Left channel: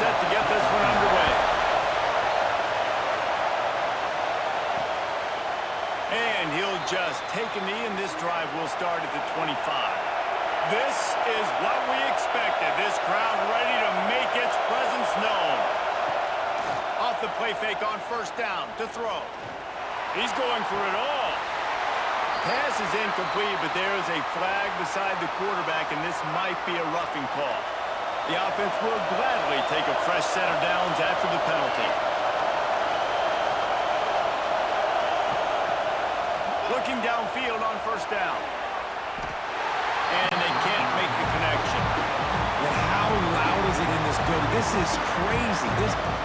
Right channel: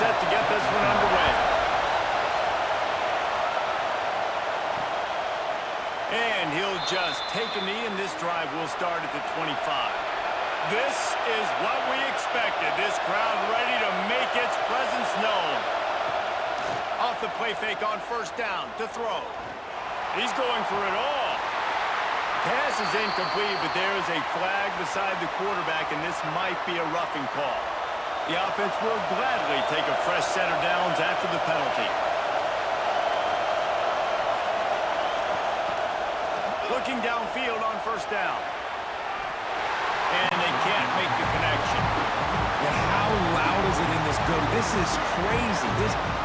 set to get this one underway. And he'll just take a knee, and this drive will start at the 25. This is what we expected. This crowd ready to make its presence known. Off the play fake on first down to throw. He's going for it all. Pass is incomplete, but there is a flag beside the quarterback, and this might be a roughing call. The offense will gladly take a fresh set of downs after the penalty. Looking downfield on first down. And they can't make the connection. And how loud is it in this building? This is crazy.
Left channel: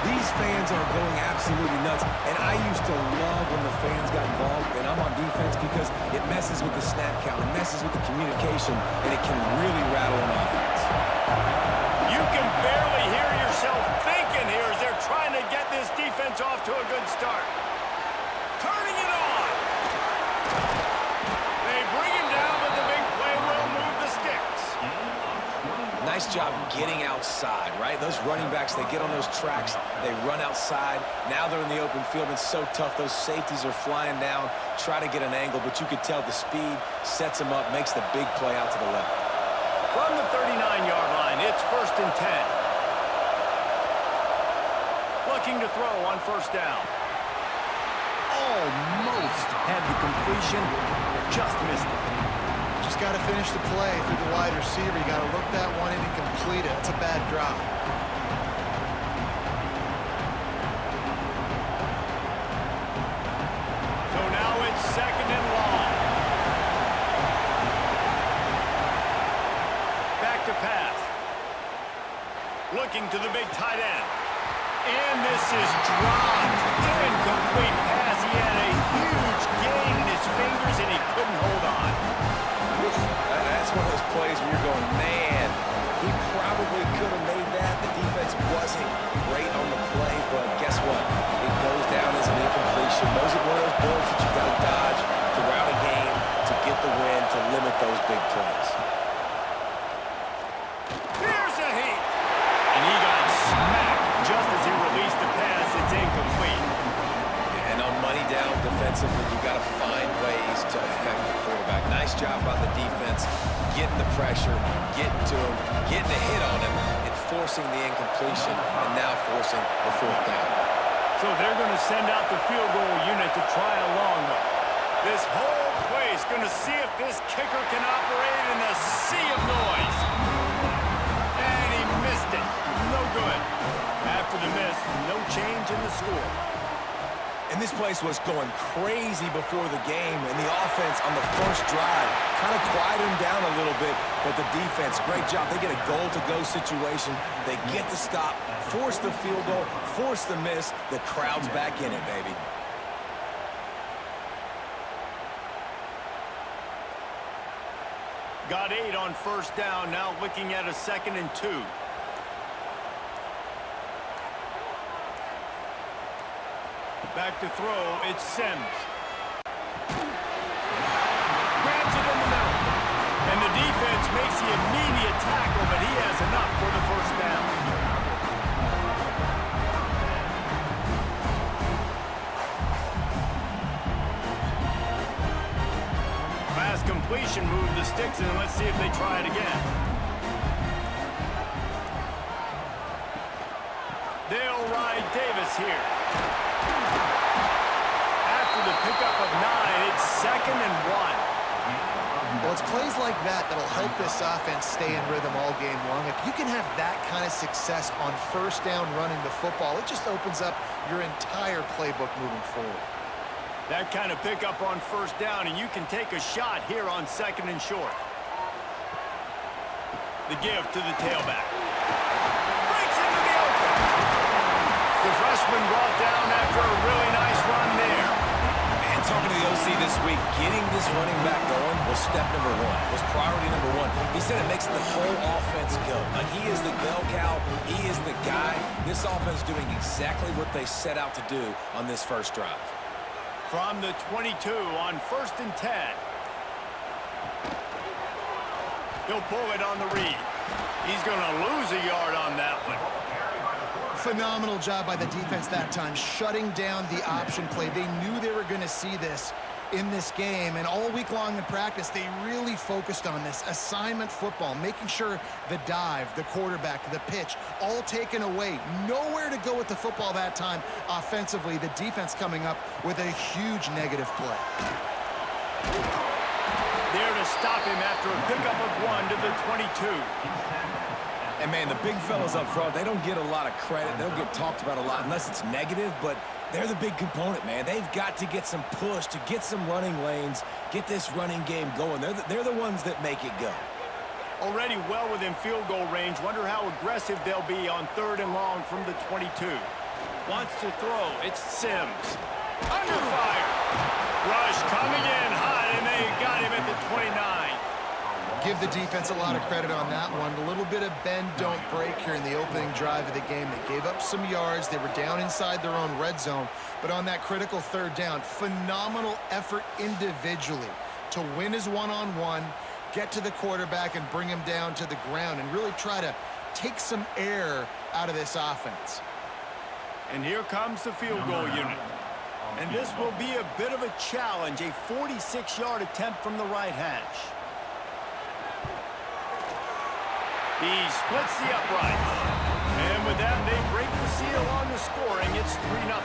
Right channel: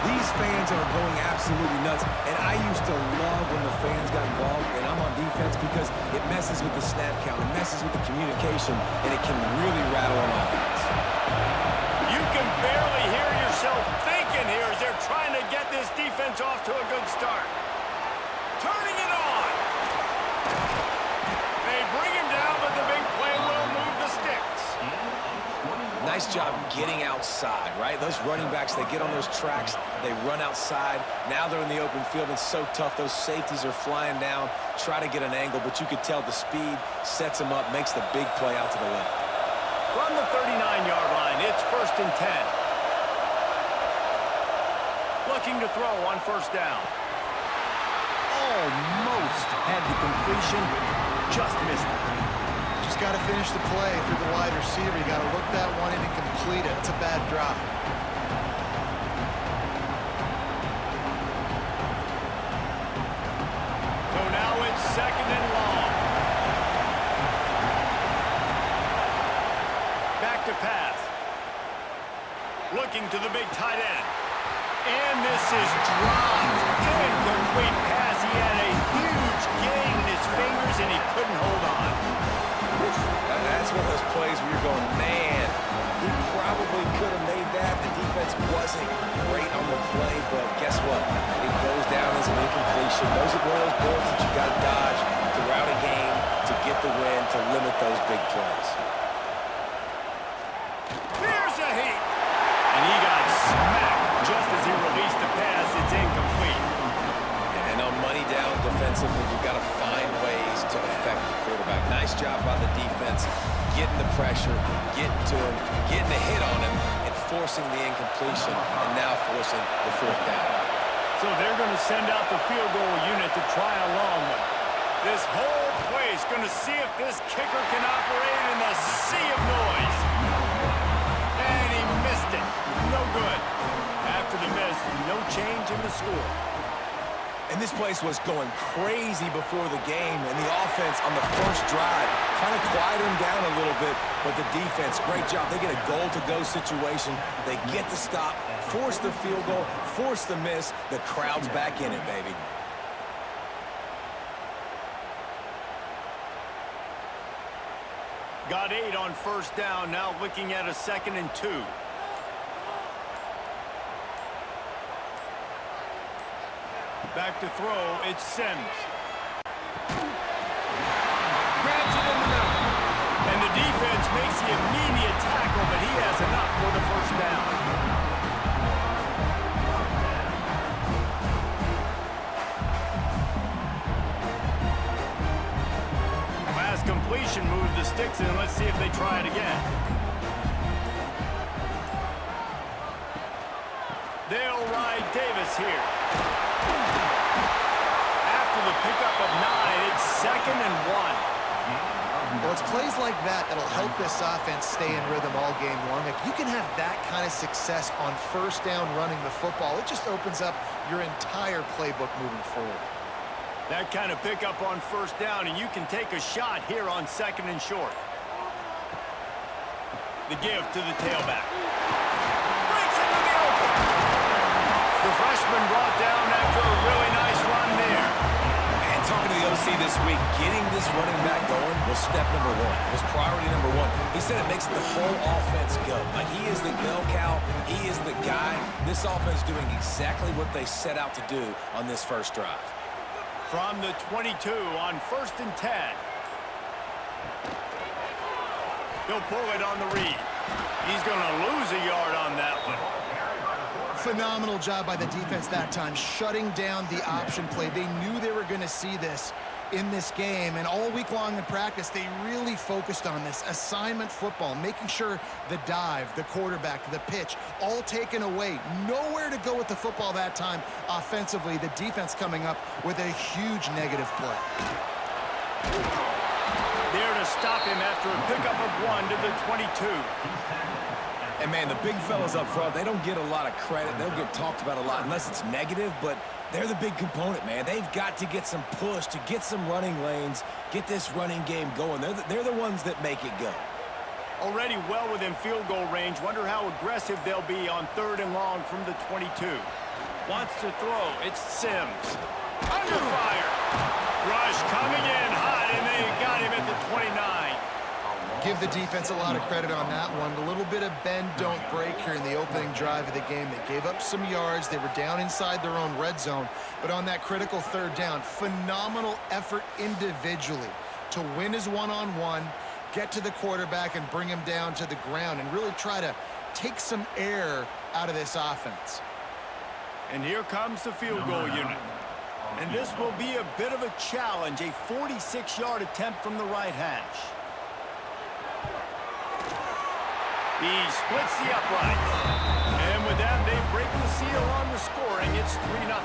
These fans are going absolutely nuts. And I used to love when the fans got involved, and I'm on defense because it messes with the snap count. It messes with the communication, and it can really rattle an offense. You can barely hear yourself thinking here as they're trying to get this defense off to a good start. Turning it on. They bring him down, but the big play will move the sticks. Nice job getting outside, right? Those running backs, they get on those tracks, they run outside. Now they're in the open field. It's so tough. Those safeties are flying down, try to get an angle, but you could tell the speed sets them up, makes the big play out to the left. From the 39-yard line, it's 1st and 10. Looking to throw on first down. Almost had the completion, just missed it. Just got to finish the play through the wide receiver. You got to look that one in and complete it. That's a bad drop. So now it's 2nd and long. Back to pass. Looking to the big tight end. And this is dropped. Incomplete pass. He had a huge gain in his fingers, and he couldn't hold on. That's one of those plays where you're going, man, he probably could have made that. The defense wasn't great on the play, but guess what? It goes down as an incompletion. Those are one of those bullets that you got to dodge throughout a game to get the win, to limit those big plays. Here's a heat. And he got smacked just as he released the pass. It's incomplete. And on money down defensively, you've got to find ways to affect the quarterback. Nice job by the defense, getting the pressure, getting to him, getting a hit on him, and forcing the incompletion, and now forcing the 4th down. So they're going to send out the field goal unit to try a long one. This whole place going to see if this kicker can operate in the sea of noise. And he missed it. No good. After the miss, no change in the score. And this place was going crazy before the game, and the offense on the first drive kind of quieted them down a little bit, but the defense, great job. They get a goal-to-go situation. They get the stop, force the field goal, force the miss. The crowd's back in it, baby. Got 8 on first down, now looking at a 2nd and 2. Back to throw, it's Sims. Grabs it in the middle. And the defense makes the immediate tackle, but he has enough for the first down. Pass completion moved the sticks, and let's see if they try it again. They'll ride Davis here. After the pickup of 9, it's 2nd and 1. Well, it's plays like that that'll help this offense stay in rhythm all game long. If you can have that kind of success on first down running the football, it just opens up your entire playbook moving forward. That kind of pickup on first down, and you can take a shot here on 2nd and short. The give to the tailback. Breaks into the open. The freshman brought down after a really nice run there. And talking to the OC this week, getting this running back going was step number 1, was priority number 1. He said it makes the whole offense go. Like, he is the bell cow, he is the guy. This offense doing exactly what they set out to do on this first drive. From the 22 on 1st and 10. He'll pull it on the read. He's going to lose a yard on that one. Phenomenal job by the defense that time, shutting down the option play. They knew they were going to see this in this game, and all week long in practice, they really focused on this assignment football, making sure the dive, the quarterback, the pitch, all taken away. Nowhere to go with the football that time offensively. The defense coming up with a huge negative play. There to stop him after a pickup of 1 to the 22. And, man, the big fellas up front, they don't get a lot of credit. They don't get talked about a lot unless it's negative, but they're the big component, man. They've got to get some push, to get some running lanes, get this running game going. They're the ones that make it go. Already well within field goal range. Wonder how aggressive they'll be on 3rd and long from the 22. Wants to throw. It's Sims. Under fire. Rush coming in hot, and they got him at the 29. Give the defense a lot of credit on that one. A little bit of bend, don't break here in the opening drive of the game. They gave up some yards. They were down inside their own red zone. But on that critical 3rd down, phenomenal effort individually to win his one-on-one, get to the quarterback and bring him down to the ground and really try to take some air out of this offense. And here comes the field goal unit. And this will be a bit of a challenge, a 46-yard attempt from the right hash. He splits the uprights. And with that, they break the seal on the scoring. It's 3-0.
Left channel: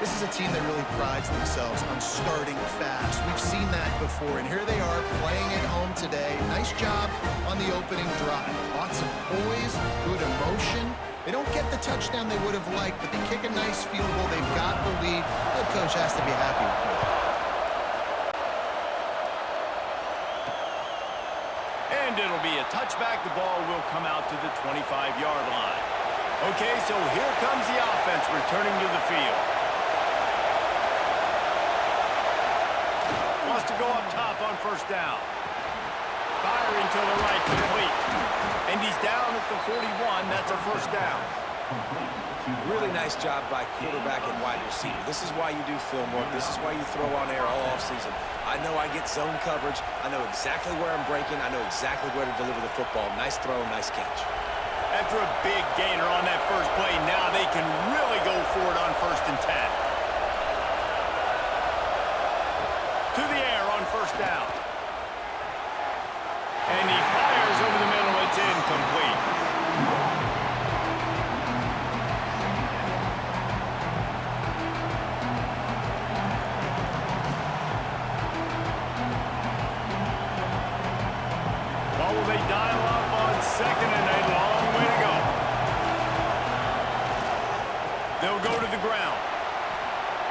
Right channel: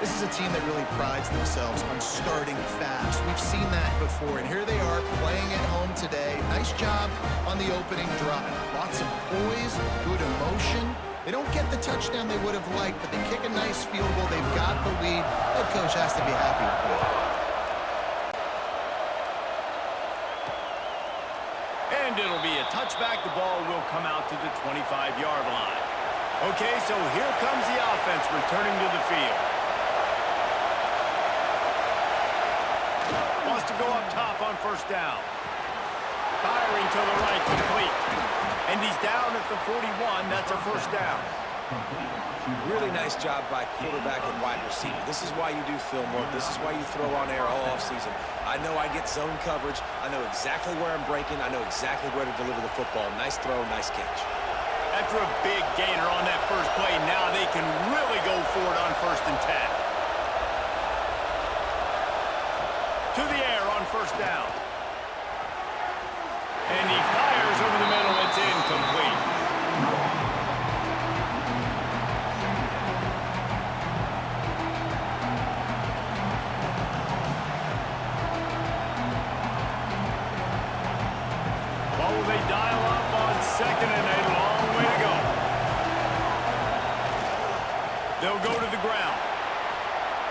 This is a team that really prides themselves on starting fast. We've seen that before, and here they are playing at home today. Nice job on the opening drive. Lots of poise, good emotion. They don't get the touchdown they would have liked, but they kick a nice field goal. They've got the lead. Head coach has to be happy with it. And it'll be a touchback. The ball will come out to the 25-yard line. Okay, so here comes the offense returning to the field. Wants to go up top on 1st down. Firing to the right, complete. And he's down at the 41. That's a 1st down. Really nice job by quarterback and wide receiver. This is why you do film work. This is why you throw on air all offseason. I know I get zone coverage. I know exactly where I'm breaking. I know exactly where to deliver the football. Nice throw, nice catch. After a big gainer on that first play, now they can really go for it on 1st and 10. To the air on 1st down. And he fires over the middle. It's incomplete. What will they dial up on 2nd and a long way to go? They'll go to the ground.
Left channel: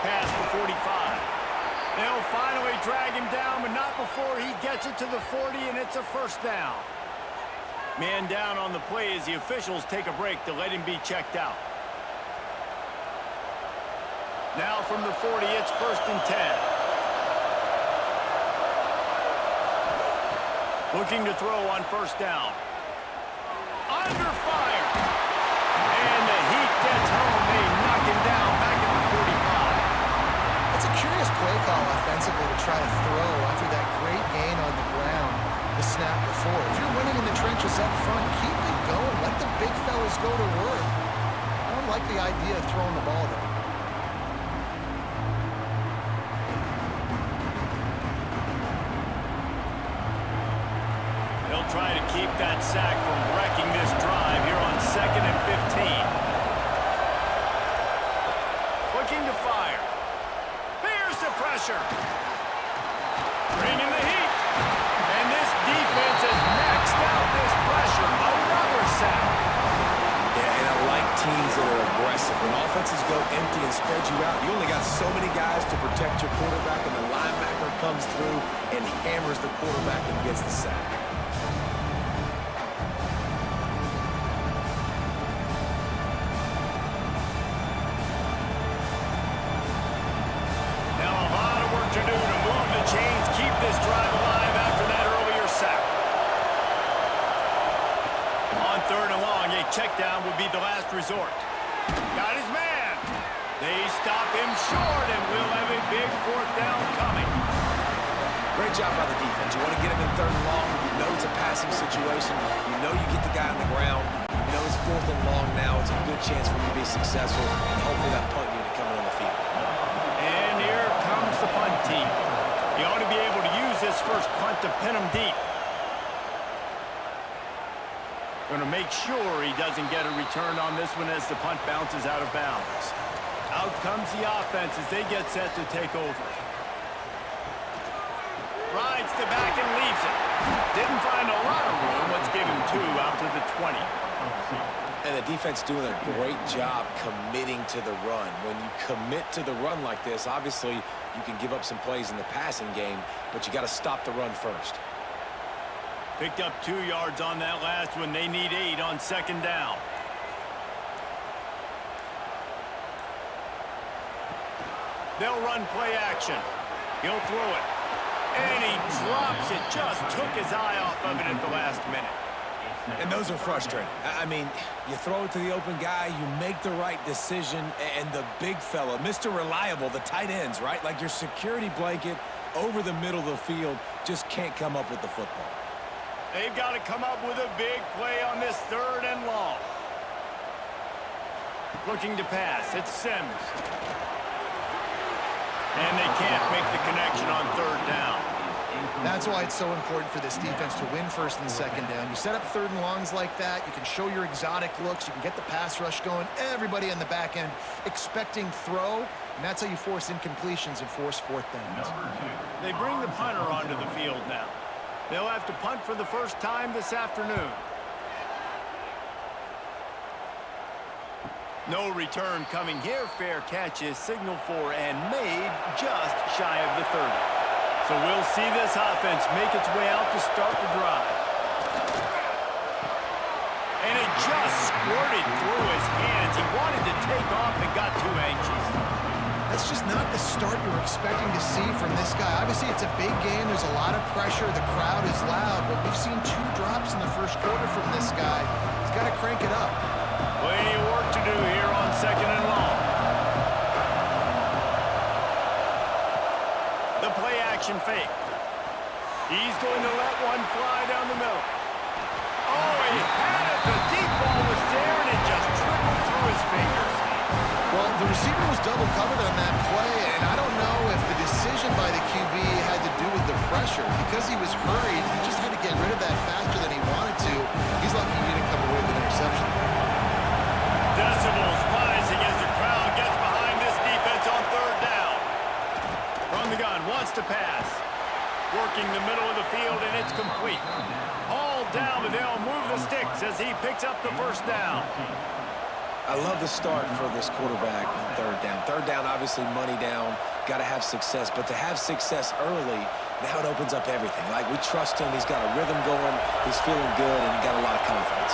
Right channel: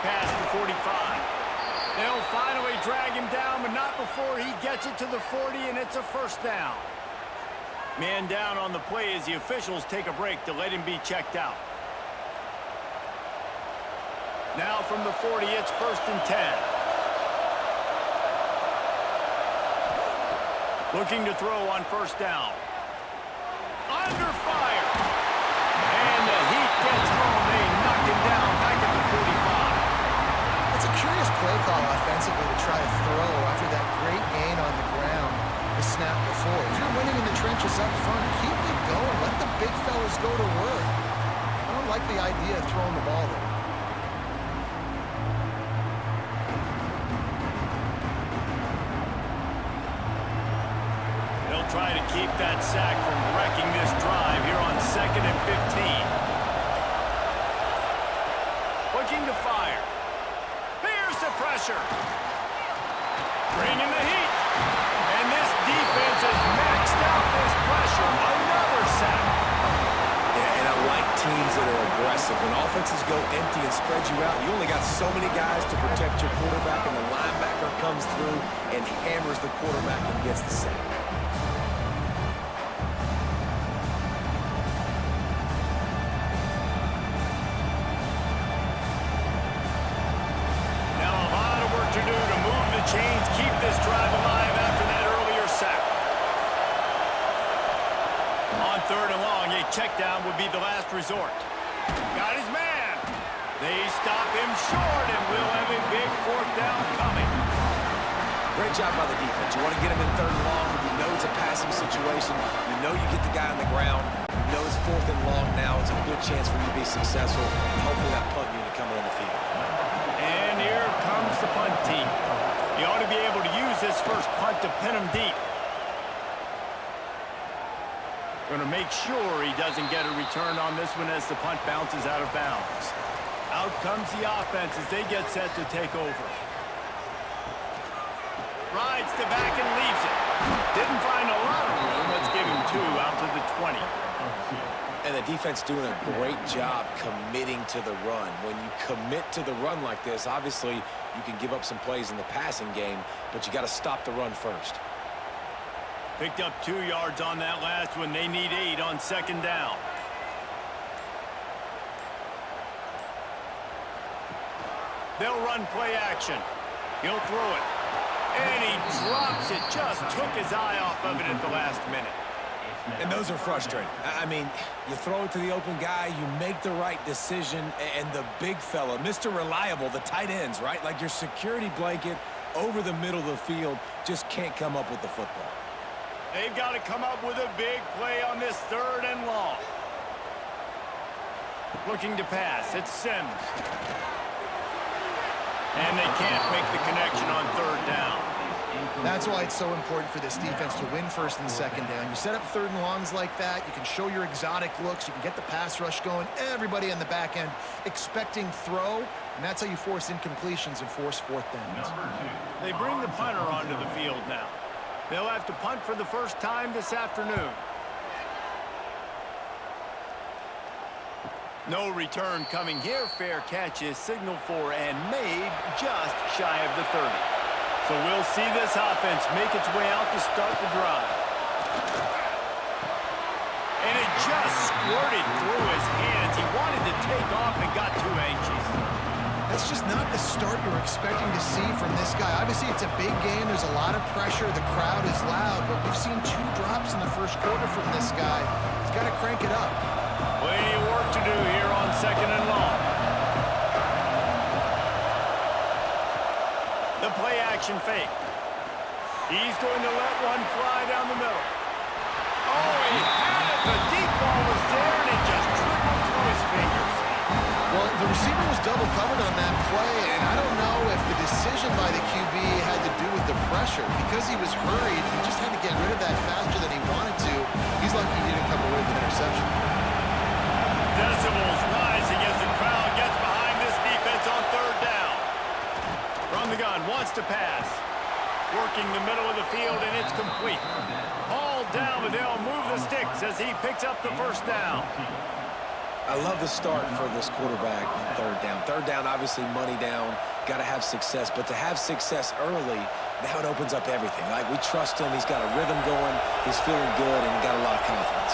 Past the 45. They'll finally drag him down, but not before he gets it to the 40, and it's a 1st down. Man down on the play as the officials take a break to let him be checked out. Now from the 40, it's 1st and 10. Looking to throw on 1st down. Under fire. And the heat gets home. They knock him down back at the 45. It's a curious play call offensively to try to throw after that great gain on the ground the snap before. If you're winning in the trenches up front, keep it going. Let the big fellas go to work. I don't like the idea of throwing the ball there. They'll try to keep that sack from wrecking this drive here on 2nd and 15. Looking to fire. Here's the pressure. Bringing the heat. And this defense has maxed out this pressure. Another sack. Yeah, and I like teams that are aggressive. When offenses go empty and spread you out, you only got so many guys to protect your quarterback, and the linebacker comes through and hammers the quarterback and gets the sack. To do to move the chains, keep this drive alive after that earlier sack. On 3rd and long, a check down would be the last resort. Got his man. They stop him short, and we'll have a big 4th down coming. Great job by the defense. You want to get him in 3rd and long. You know it's a passing situation. You know you get the guy on the ground. You You know, it's 4th and long now. It's a good chance for you to be successful, and hopefully that punt unit coming on the field. And here comes the punt team. He ought to be able to use this first punt to pin him deep. Going to make sure he doesn't get a return on this one as the punt bounces out of bounds. Out comes the offense as they get set to take over. Rides the back and leaves it. Didn't find a lot of room. Let's give him 2 out to the 20. And the defense doing a great job committing to the run. When you commit to the run like this, obviously you can give up some plays in the passing game, but you got to stop the run first. Picked up 2 yards on that last one. They need 8 on 2nd down. They'll run play action. He'll throw it. And he drops it. Just took his eye off of it at the last minute. And those are frustrating. I mean, you throw it to the open guy, you make the right decision, and the big fella, Mr. Reliable, the tight ends, right? Like your security blanket over the middle of the field, just can't come up with the football. They've got to come up with a big play on this 3rd and long. Looking to pass. It's Sims. And they can't make the connection on 3rd down. That's why it's so important for this defense to win 1st and 2nd down. You set up 3rd and longs like that, you can show your exotic looks, you can get the pass rush going, everybody on the back end expecting throw, and that's how you force incompletions and force 4th downs. They bring the punter onto the field now. They'll have to punt for the first time this afternoon. No return coming here. Fair catch is signaled for and made just shy of the 30. So we'll see this offense make its way out to start the drive. And it just squirted through his hands. He wanted to take off and got too anxious. That's just not the start you're expecting to see from this guy. Obviously, it's a big game. There's a lot of pressure. The crowd is loud, but we've seen 2 drops in the 1st quarter from this guy. He's got to crank it up. Plenty of work to do here on 2nd and long. The play action fake. He's going to let one fly down the middle. Oh, he had it. The deep ball was there, and it just trickled through his fingers. Well, the receiver was double covered on that play, and I don't know if the decision by the QB had to do with the pressure. Because he was hurried, he just had to get rid of that faster than he wanted to. He's lucky he didn't come away with an interception. Decibels rising as the crowd gets behind this defense on 3rd down. From the gun, wants to pass. Working the middle of the field, and it's complete. All down, but they'll move the sticks as he picks up the 1st down. I love the start for this quarterback on 3rd down. 3rd down, obviously money down, got to have success. But to have success early, now it opens up everything. Like, we trust him. He's got a rhythm going. He's feeling good, and he got a lot of confidence.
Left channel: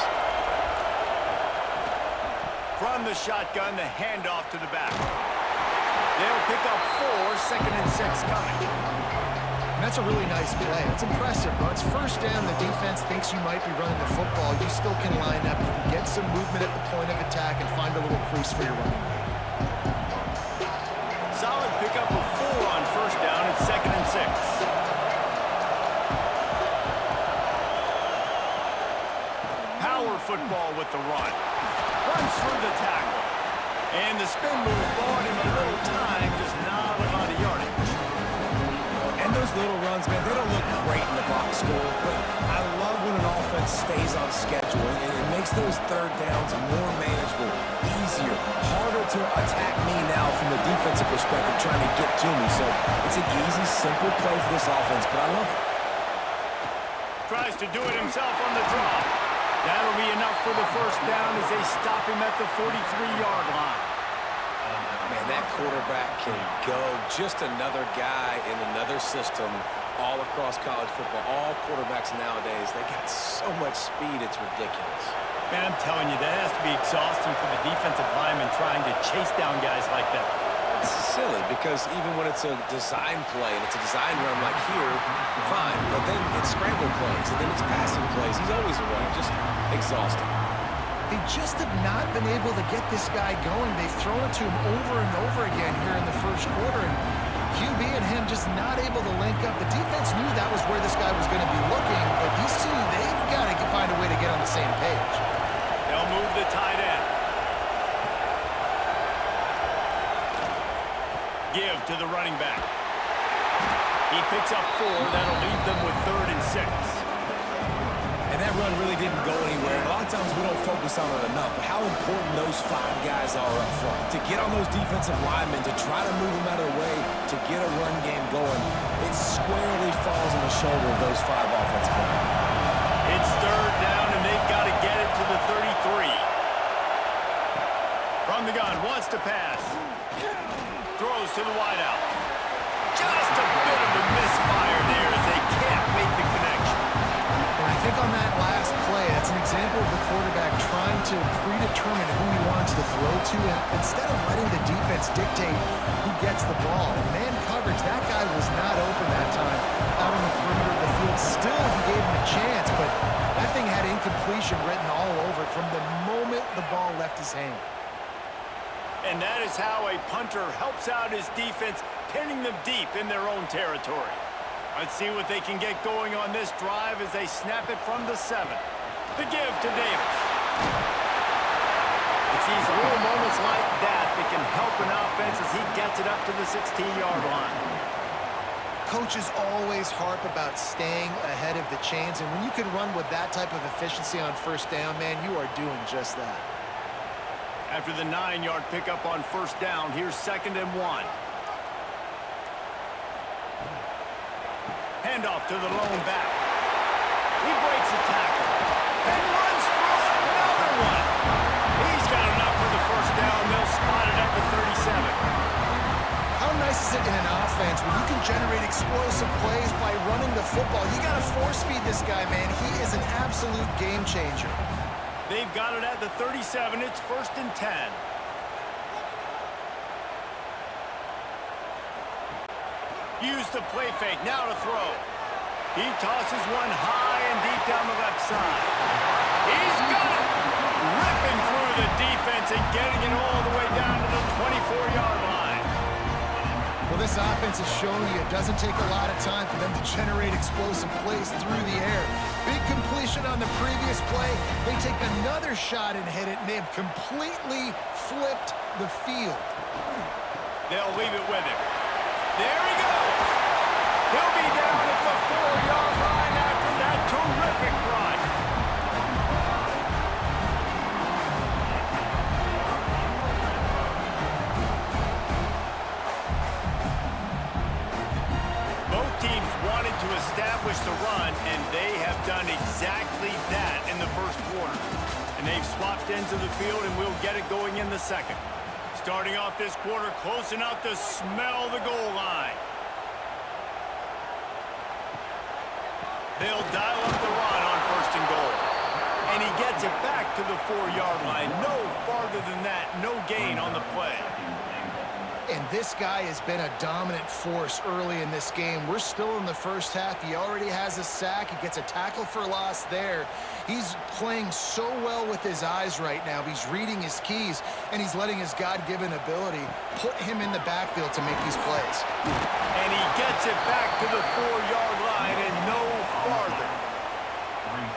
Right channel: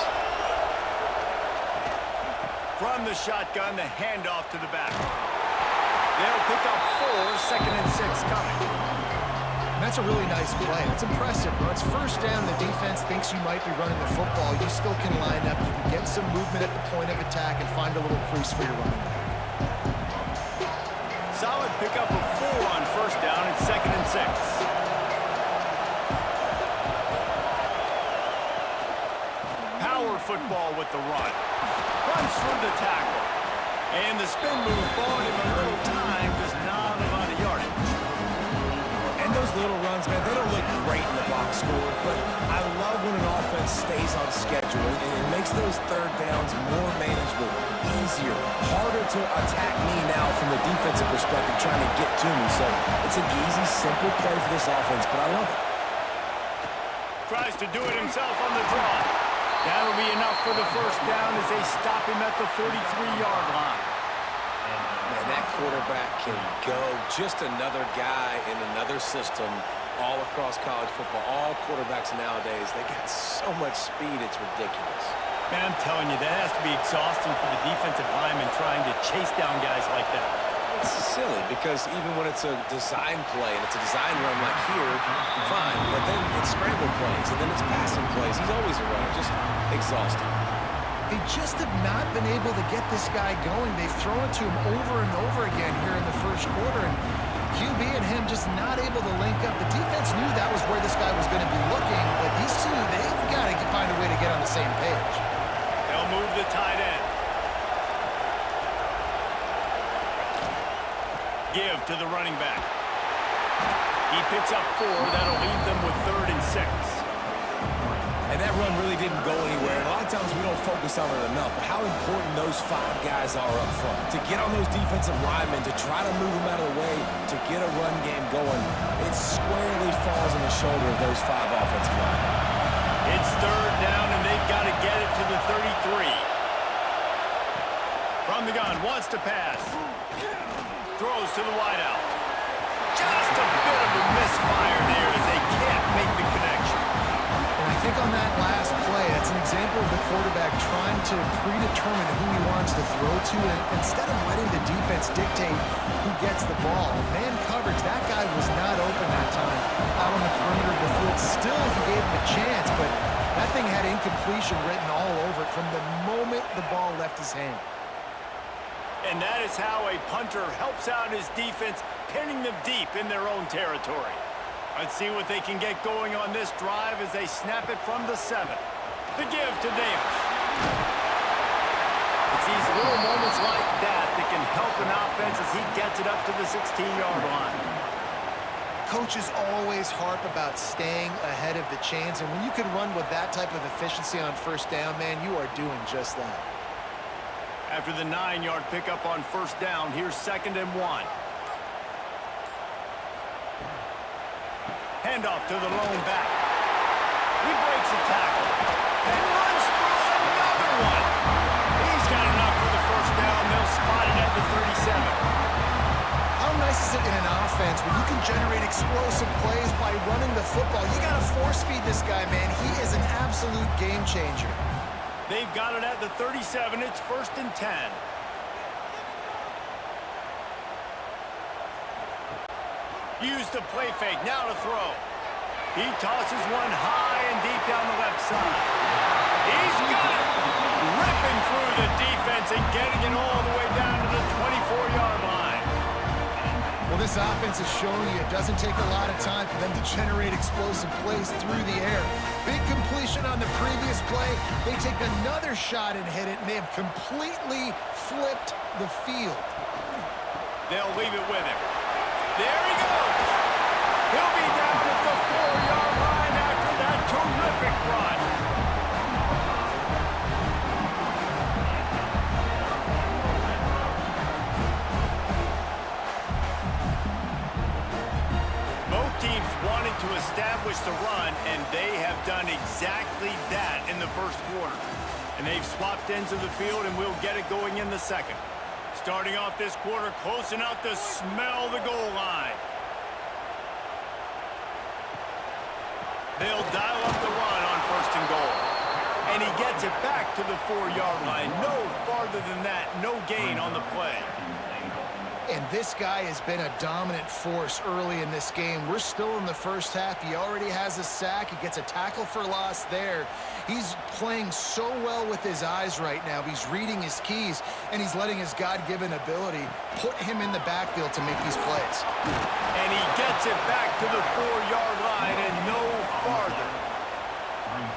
From the shotgun, the handoff to the back. They'll pick up 4, 2nd and 6 coming. And that's a really nice play. That's impressive, bro. It's 1st down. The defense thinks you might be running the football. You still can line up. You can get some movement at the point of attack and find a little crease for your running back. Solid pickup of 4 on 1st down. It's 2nd and 6. Power football with the run. Runs through the tackle. And the spin move bought him a little time, just not a lot of yardage. And those little runs, man, they don't look great in the box score, but I love when an offense stays on schedule, and it makes those 3rd downs more manageable, easier, harder to attack me now from the defensive perspective trying to get to me. So it's an easy, simple play for this offense, but I love it. Tries to do it himself on the draw. That'll be enough for the 1st down as they stop him at the 43-yard line. Man, that quarterback can go. Just another guy in another system all across college football. All quarterbacks nowadays, they got so much speed, it's ridiculous. Man, I'm telling you, that has to be exhausting for the defensive lineman trying to chase down guys like that. It's silly because even when it's a design play and it's a design run like here, fine. But then it's scramble plays and then it's passing plays. He's always a runner, just exhausting. They just have not been able to get this guy going. They've thrown it to him over and over again here in the 1st quarter, and QB and him just not able to link up. The defense knew that was where this guy was going to be looking, but these two, they've got to find a way to get on the same page. They'll They'll move the tight end. Give to the running back. He picks up 4. That'll leave them with 3rd and 6. And that run really didn't go anywhere. And a lot of times we don't focus on it enough, but how important those 5 guys are up front. To get on those defensive linemen, to try to move them out of the way, to get a run game going, it squarely falls on the shoulder of those 5 offensive linemen. It's 3rd down, and they've got to get it to the 33. From the gun, wants to pass. Throws to the wideout. Just a bit of a misfire there as they can't make the connection. And I think on that last play, that's an example of the quarterback trying to predetermine who he wants to throw to, and instead of letting the defense dictate who gets the ball. Man coverage, that guy was not open that time out on the perimeter of the field. Still, he gave him a chance, but that thing had incompletion written all over it from the moment the ball left his hand. And that is how a punter helps out his defense, pinning them deep in their own territory. Let's see what they can get going on this drive as they snap it from the 7. The give to Davis. It's these little moments like that that can help an offense as he gets it up to the 16-yard line. Coaches always harp about staying ahead of the chains, and when you can run with that type of efficiency on 1st down, man, you are doing just that. After the 9-yard pickup on 1st down, here's 2nd and 1. Handoff to the lone back. He breaks a tackle and runs through another one. He's got enough for the 1st down. They'll spot it at the 37. How nice is it in an offense when you can generate explosive plays by running the football? You got to force feed this guy, man. He is an absolute game changer. They've got it at the 37. It's 1st and 10. Use the play fake, now to throw. He tosses one high and deep down the left side. He's got it! Ripping through the defense and getting it all the way down to the 24-yard line. Well, this offense has shown you it doesn't take a lot of time for them to generate explosive plays through the air. Big completion on the previous play. They take another shot and hit it, and they have completely flipped the field. They'll leave it with him. There he goes. He'll be down at the 4-yard line after that terrific run. Both teams wanted to establish the run, and they have done exactly that in the 1st quarter. And they've swapped ends of the field, and we'll get it going in the 2nd. Starting off this quarter close enough to smell the goal line. They'll dial up the run on 1st and goal. And he gets it back to the 4-yard line. No farther than that, no gain on the play. And this guy has been a dominant force early in this game. We're still in the 1st half. He already has a sack. He gets a tackle for loss there. He's playing so well with his eyes right now. He's reading his keys, and he's letting his God-given ability put him in the backfield to make these plays. And he gets it back to the 4-yard line and no farther.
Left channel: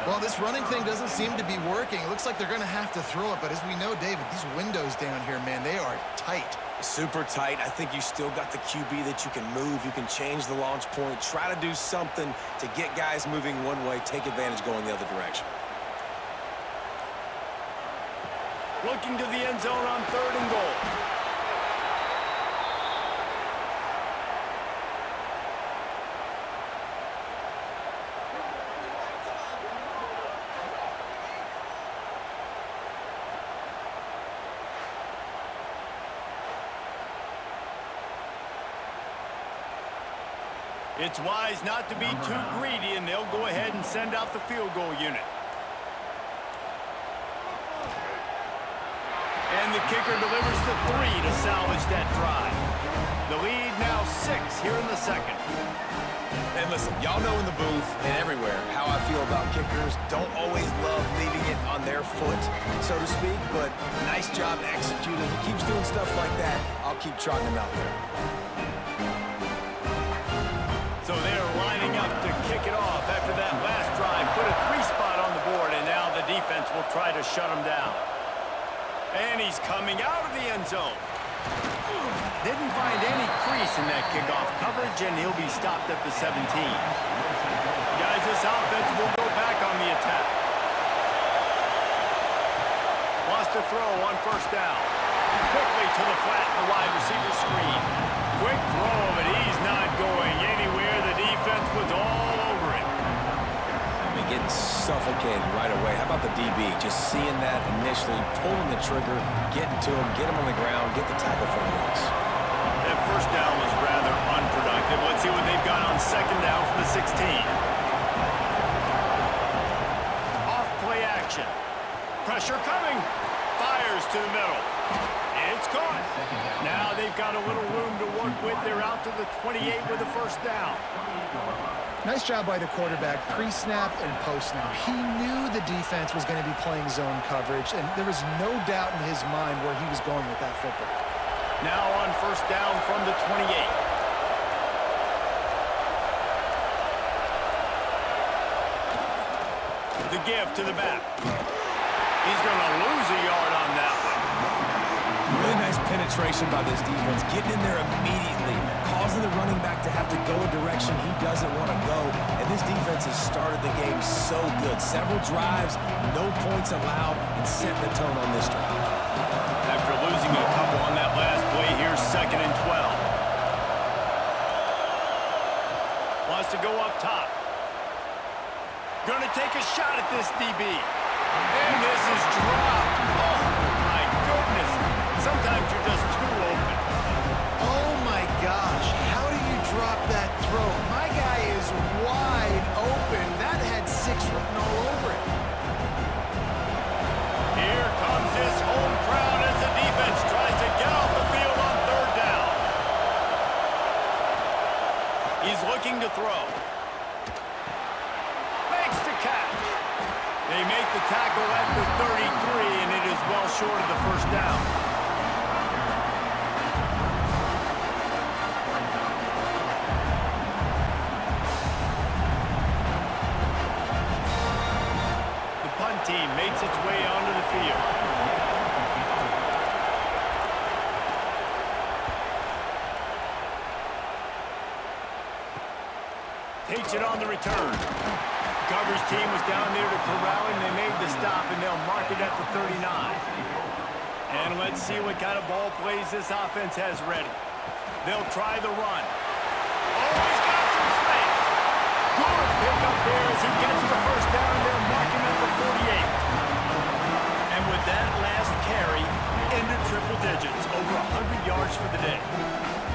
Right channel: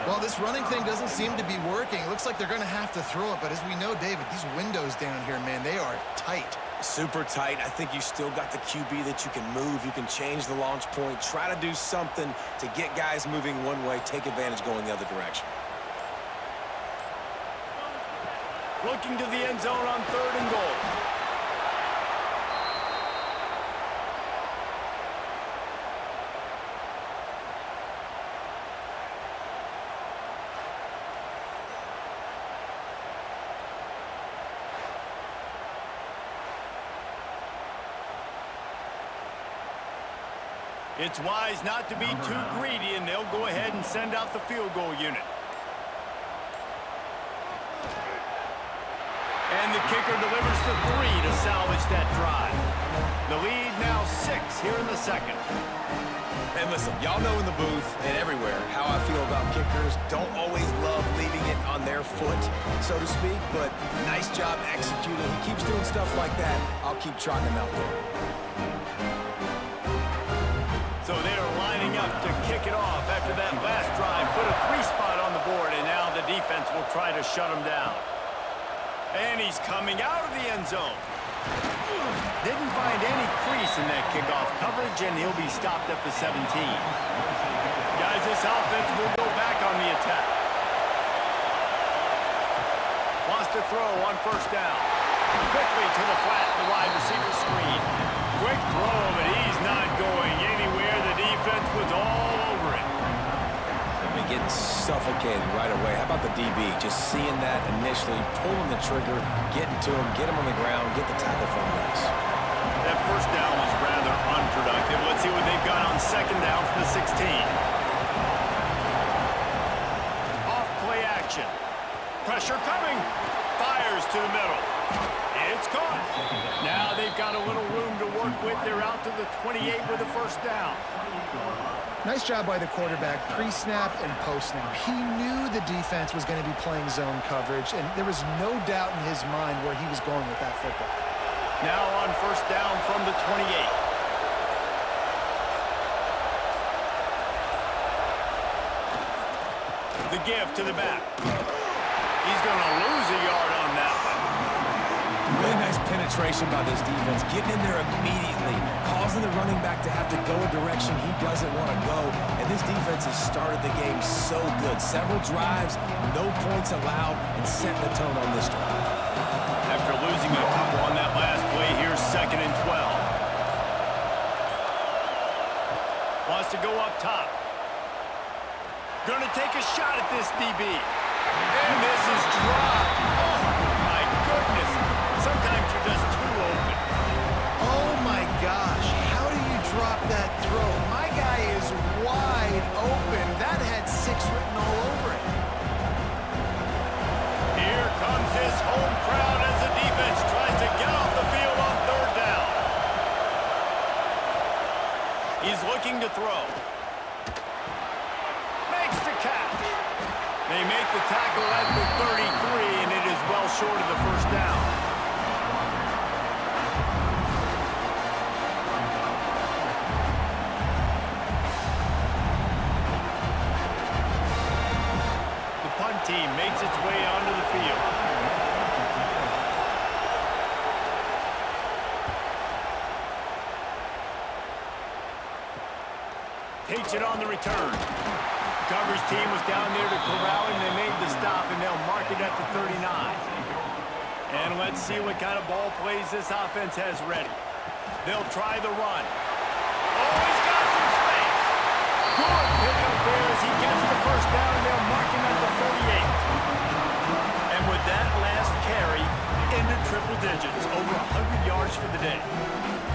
Well, this running thing doesn't seem to be working. It looks like they're going to have to throw it, but as we know, David, these windows down here, man, they are tight. Super tight. I think you still got the QB that you can move. You can change the launch point. Try to do something to get guys moving one way. Take advantage going the other direction. Looking to the end zone on 3rd and goal. It's wise not to be too greedy, and they'll go ahead and send out the field goal unit. And the kicker delivers the 3 to salvage that drive. The lead now 6 here in the 2nd. And listen, y'all know in the booth and everywhere how I feel about kickers. Don't always love leaving it on their foot, so to speak, but nice job executing. He keeps doing stuff like that. I'll keep trotting him out there. So they're lining up to kick it off after that last drive. Put a 3 spot on the board, and now the defense defense will try to shut him down. And he's coming out of the end zone. Didn't find any crease in that kickoff coverage, and he'll be stopped at the 17. Guys, this offense will go back on the attack. Wants to throw on first down. Quickly to the flat in the wide receiver screen. Quick throw, but he's not going anywhere. The defense was all over it. Getting suffocated right away. How about the DB? Just seeing that initially, pulling the trigger, getting to him, get him on the ground, get the tackle for a loss. That first down was rather unproductive. Let's see what they've got on second down from the 16. Off play action. Pressure coming. Fires to the middle. It's caught. Now they've got a little room to work with. They're out to the 28 with a first down. Nice job by the quarterback, pre-snap and post-snap. He knew the defense was going to be playing zone coverage, and there was no doubt in his mind where he was going with that football. Now on first down from the 28. The give to the back. He's going to lose a yard on that one. Really nice penetration by this defense, getting in there immediately, causing the running back to have to go a direction he doesn't want to go. And this defense has started the game so good. Several drives, no points allowed, and setting the tone on this drive. After losing a couple on that last play, here's 2nd and 12. Wants to go up top. Going to take a shot at this DB. And this is dropped. Oh, my goodness. Sometimes you're just too open. Oh, my gosh. How do you drop that throw? My guy is wide open. That had 6 written all over it. Here comes this home crowd as the defense tries to get off the field on third down. He's looking to throw. Makes the catch. They make the tackle at the 33, and it is well short of the first down. The punt team makes its way onto the field. Takes it on the return. The coverage team was down there to corral him. They made the stop, and they'll mark it at the 39. And let's see what kind of ball plays this offense has ready. They'll try the run. Oh, he's got some space. Good pickup there as he gets the first down, and they'll mark him at the 48. And with that last carry, into triple digits, over 100 yards for the day.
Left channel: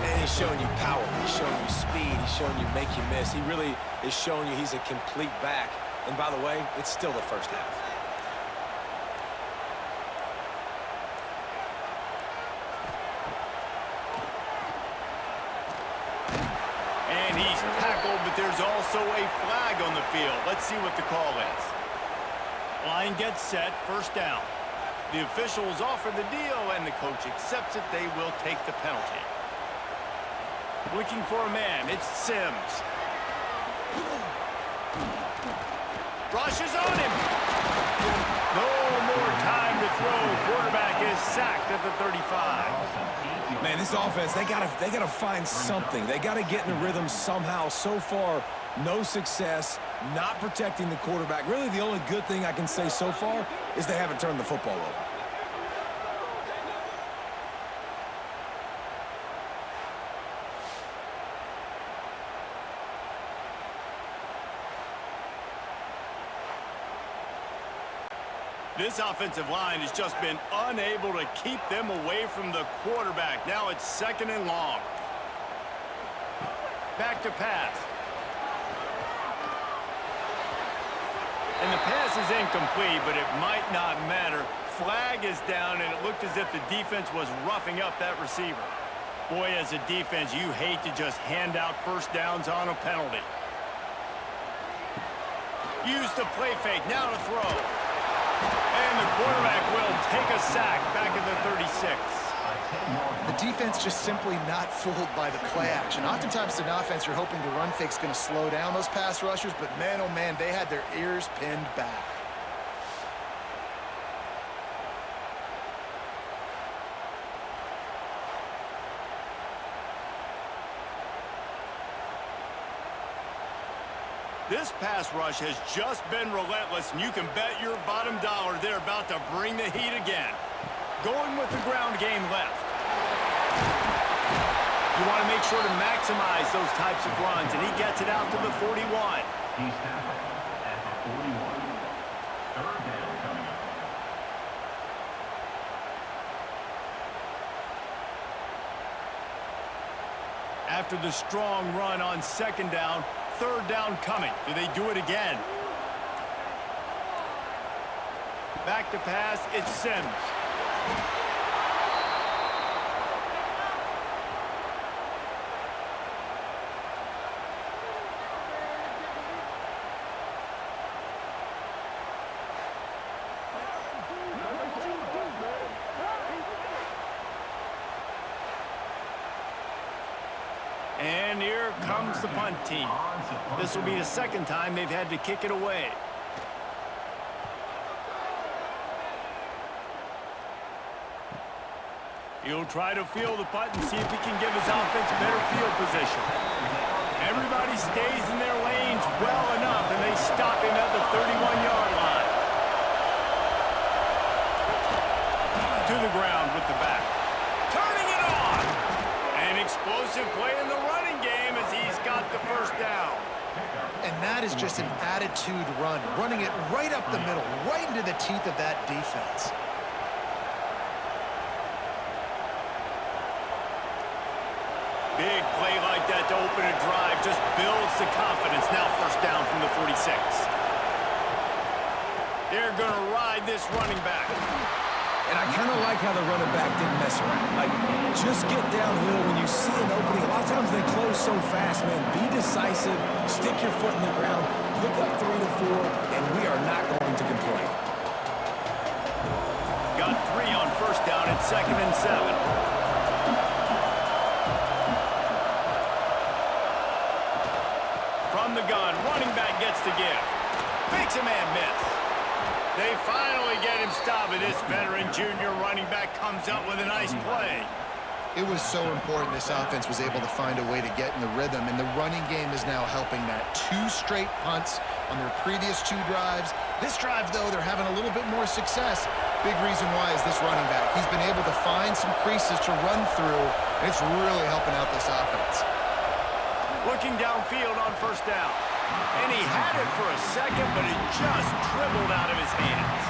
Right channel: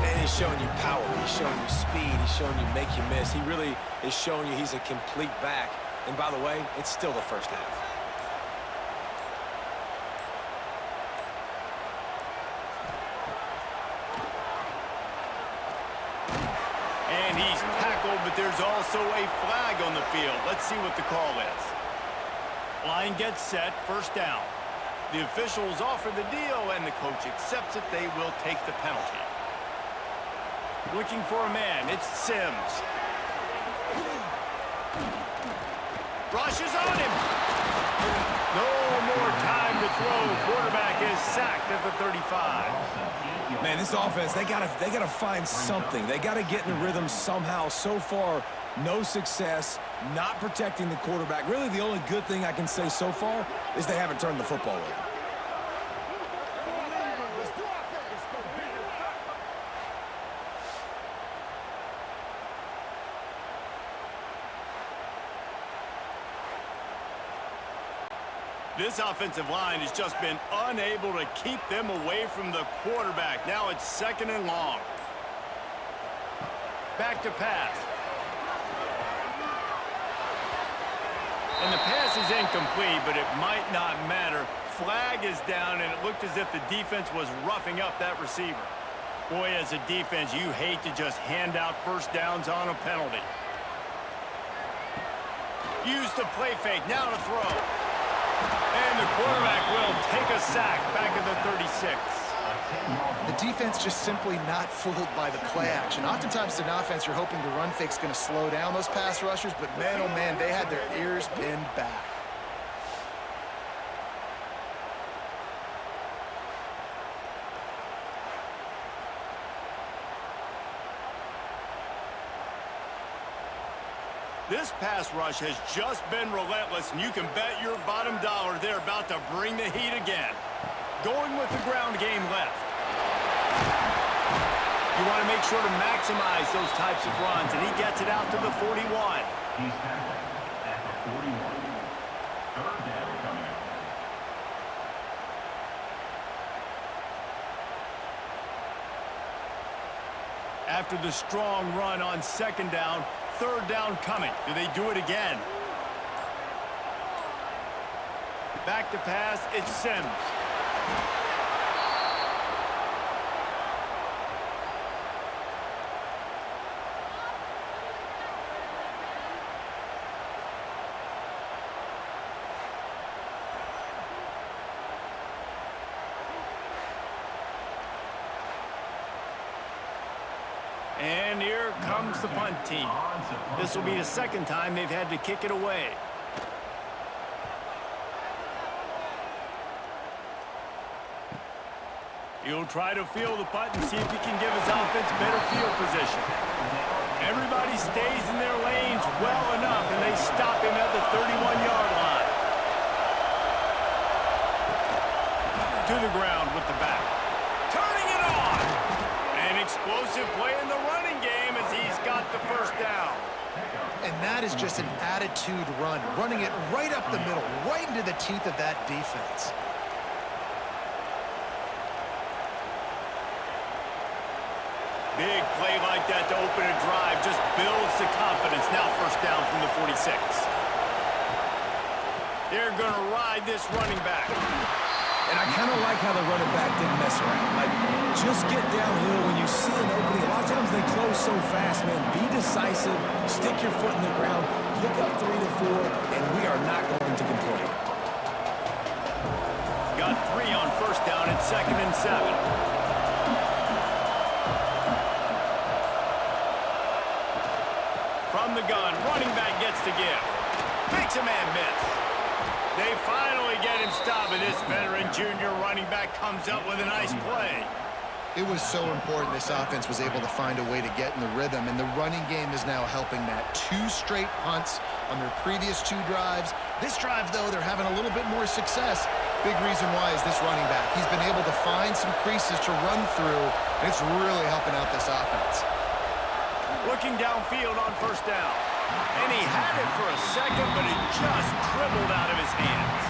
And he's showing you power. He's showing you speed. He's showing you make you miss. He really is showing you he's a complete back. And by the way, it's still the first half. And he's tackled, but there's also a flag on the field. Let's see what the call is. Line gets set, first down. The officials offer the deal, and the coach accepts it. They will take the penalty. Looking for a man, it's Sims. Rushes on him. No more time to throw. Quarterback is sacked at the 35. Man, this offense, they gotta find something. They gotta get in a rhythm somehow. So far, no success, not protecting the quarterback. Really, the only good thing I can say so far is they haven't turned the football over. This offensive line has just been unable to keep them away from the quarterback. Now it's 2nd and long. Back to pass. And the pass is incomplete, but it might not matter. Flag is down, and it looked as if the defense was roughing up that receiver. Boy, as a defense, you hate to just hand out first downs on a penalty. Use the play fake, now to throw. And the quarterback will take a sack back at the 36. The defense just simply not fooled by the play action. Oftentimes in offense, you're hoping the run fake's going to slow down those pass rushers, but man, oh man, they had their ears pinned back. This pass rush has just been relentless, and you can bet your bottom dollar they're about to bring the heat again. Going with the ground game left. You want to make sure to maximize those types of runs, and he gets it out to the 41. He's tackled at the 41. Third down coming up. After the strong run on second down, third down coming. Do they do it again? Back to pass, it's Sims. And here comes the punt team. This will be the second time they've had to kick it away. He'll try to field the punt and see if he can give his offense better field position. Everybody stays in their lanes well enough, and they stop him at the 31-yard line. To the ground with the back. Turning it on! An explosive play in the running game as he's got the first down. And that is just an attitude run, running it right up the middle, right into the teeth of that defense. Big play like that to open a drive just builds the confidence. Now first down from the 46. They're going to ride this running back. And I kind of like how the running back didn't mess around. Like, just get downhill when you see an opening. A lot of times they close so fast, man. Be decisive, stick your foot in the ground, pick up 3 to 4, and we are not going to complain. Got 3 on first down at 2nd and 7. From the gun, running back gets to give. Makes a man miss. They finally get him stopped, and this veteran junior running back comes up with a nice play. It was so important this offense was able to find a way to get in the rhythm, and the running game is now helping that. 2 straight punts on their previous 2 drives. This drive, though, they're having a little bit more success. Big reason why is this running back. He's been able to find some creases to run through, and it's really helping out this offense. Looking downfield on first down. And he had it for a second, but it just dribbled out of his hands.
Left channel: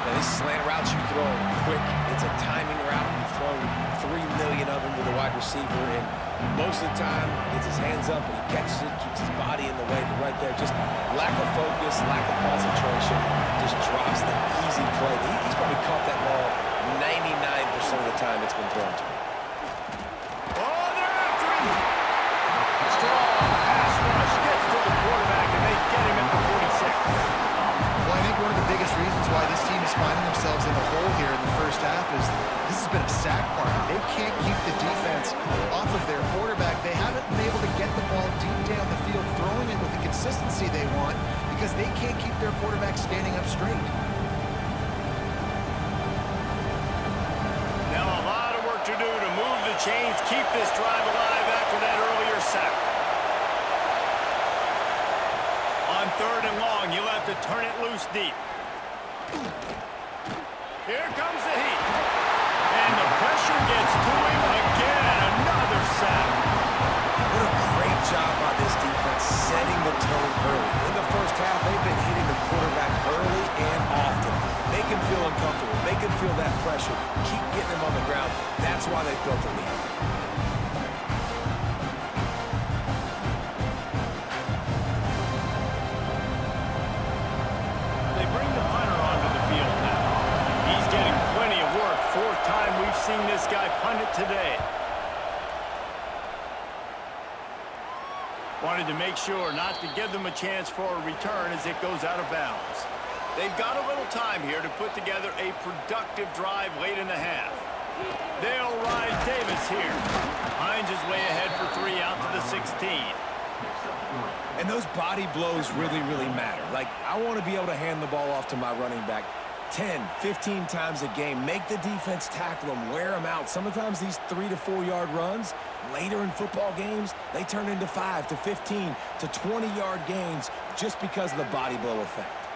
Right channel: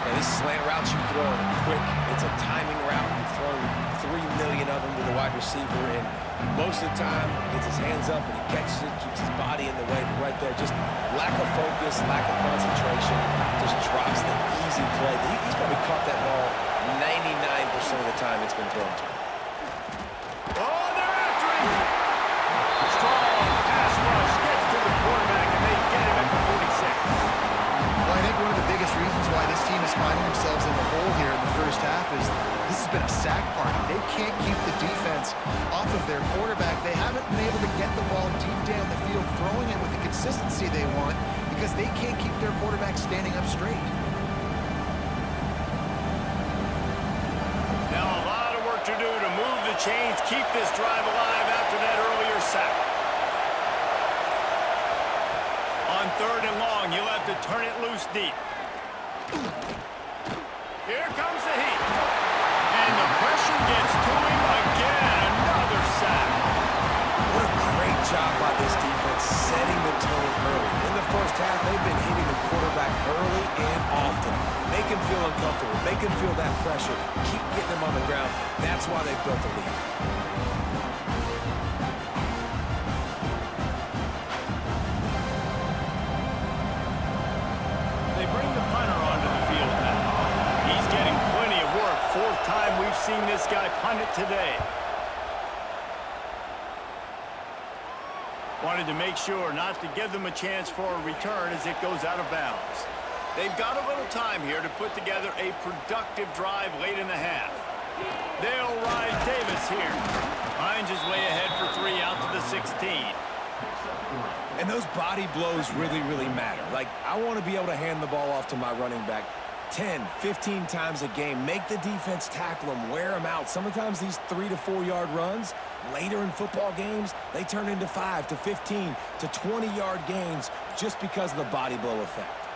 Now, these slant routes you throw quick. It's a timing route. You've thrown 3 million of them to the wide receiver, and most of the time, gets his hands up and he catches it, keeps his body in the way. But right there, just lack of focus, lack of concentration, just drops the easy play. He's probably caught that ball 99% of the time it's been thrown to him. Oh, they're after him! Strong pass rush gets to the quarterback, and they get him at the 46. Well, I think one of the biggest reasons why this team is finding themselves in a hole here in the first half is this has been a sack party. They can't keep the defense off of their quarterback. They haven't been able to get the ball deep down the field, throwing it with the consistency they want because they can't keep their quarterback standing up straight. Now a lot of work to do to move the chains, keep this drive alive after that earlier sack. On 3rd and long, you'll have to turn it loose deep. Here comes the heat. And the pressure gets to him again. Another sack. What a great job by this defense setting the tone early. In the first half, they've been hitting the quarterback early and often. Make him feel uncomfortable. Make him feel that pressure. Keep getting him on the ground. That's why they built the lead. They bring the punter onto the field now. He's getting plenty of work. 4th time we've seen this guy punt it today. Wanted to make sure not to give them a chance for a return as it goes out of bounds. They've got a little time here to put together a productive drive late in the half. They'll ride Davis here. Hines is way ahead for 3 out to the 16. And those body blows really, really matter. Like, I want to be able to hand the ball off to my running back 10, 15 times a game. Make the defense tackle them, wear them out. Sometimes these 3 to 4 yard runs, Later in football games, they turn into 5 to 15 to 20-yard gains just because of the body blow effect.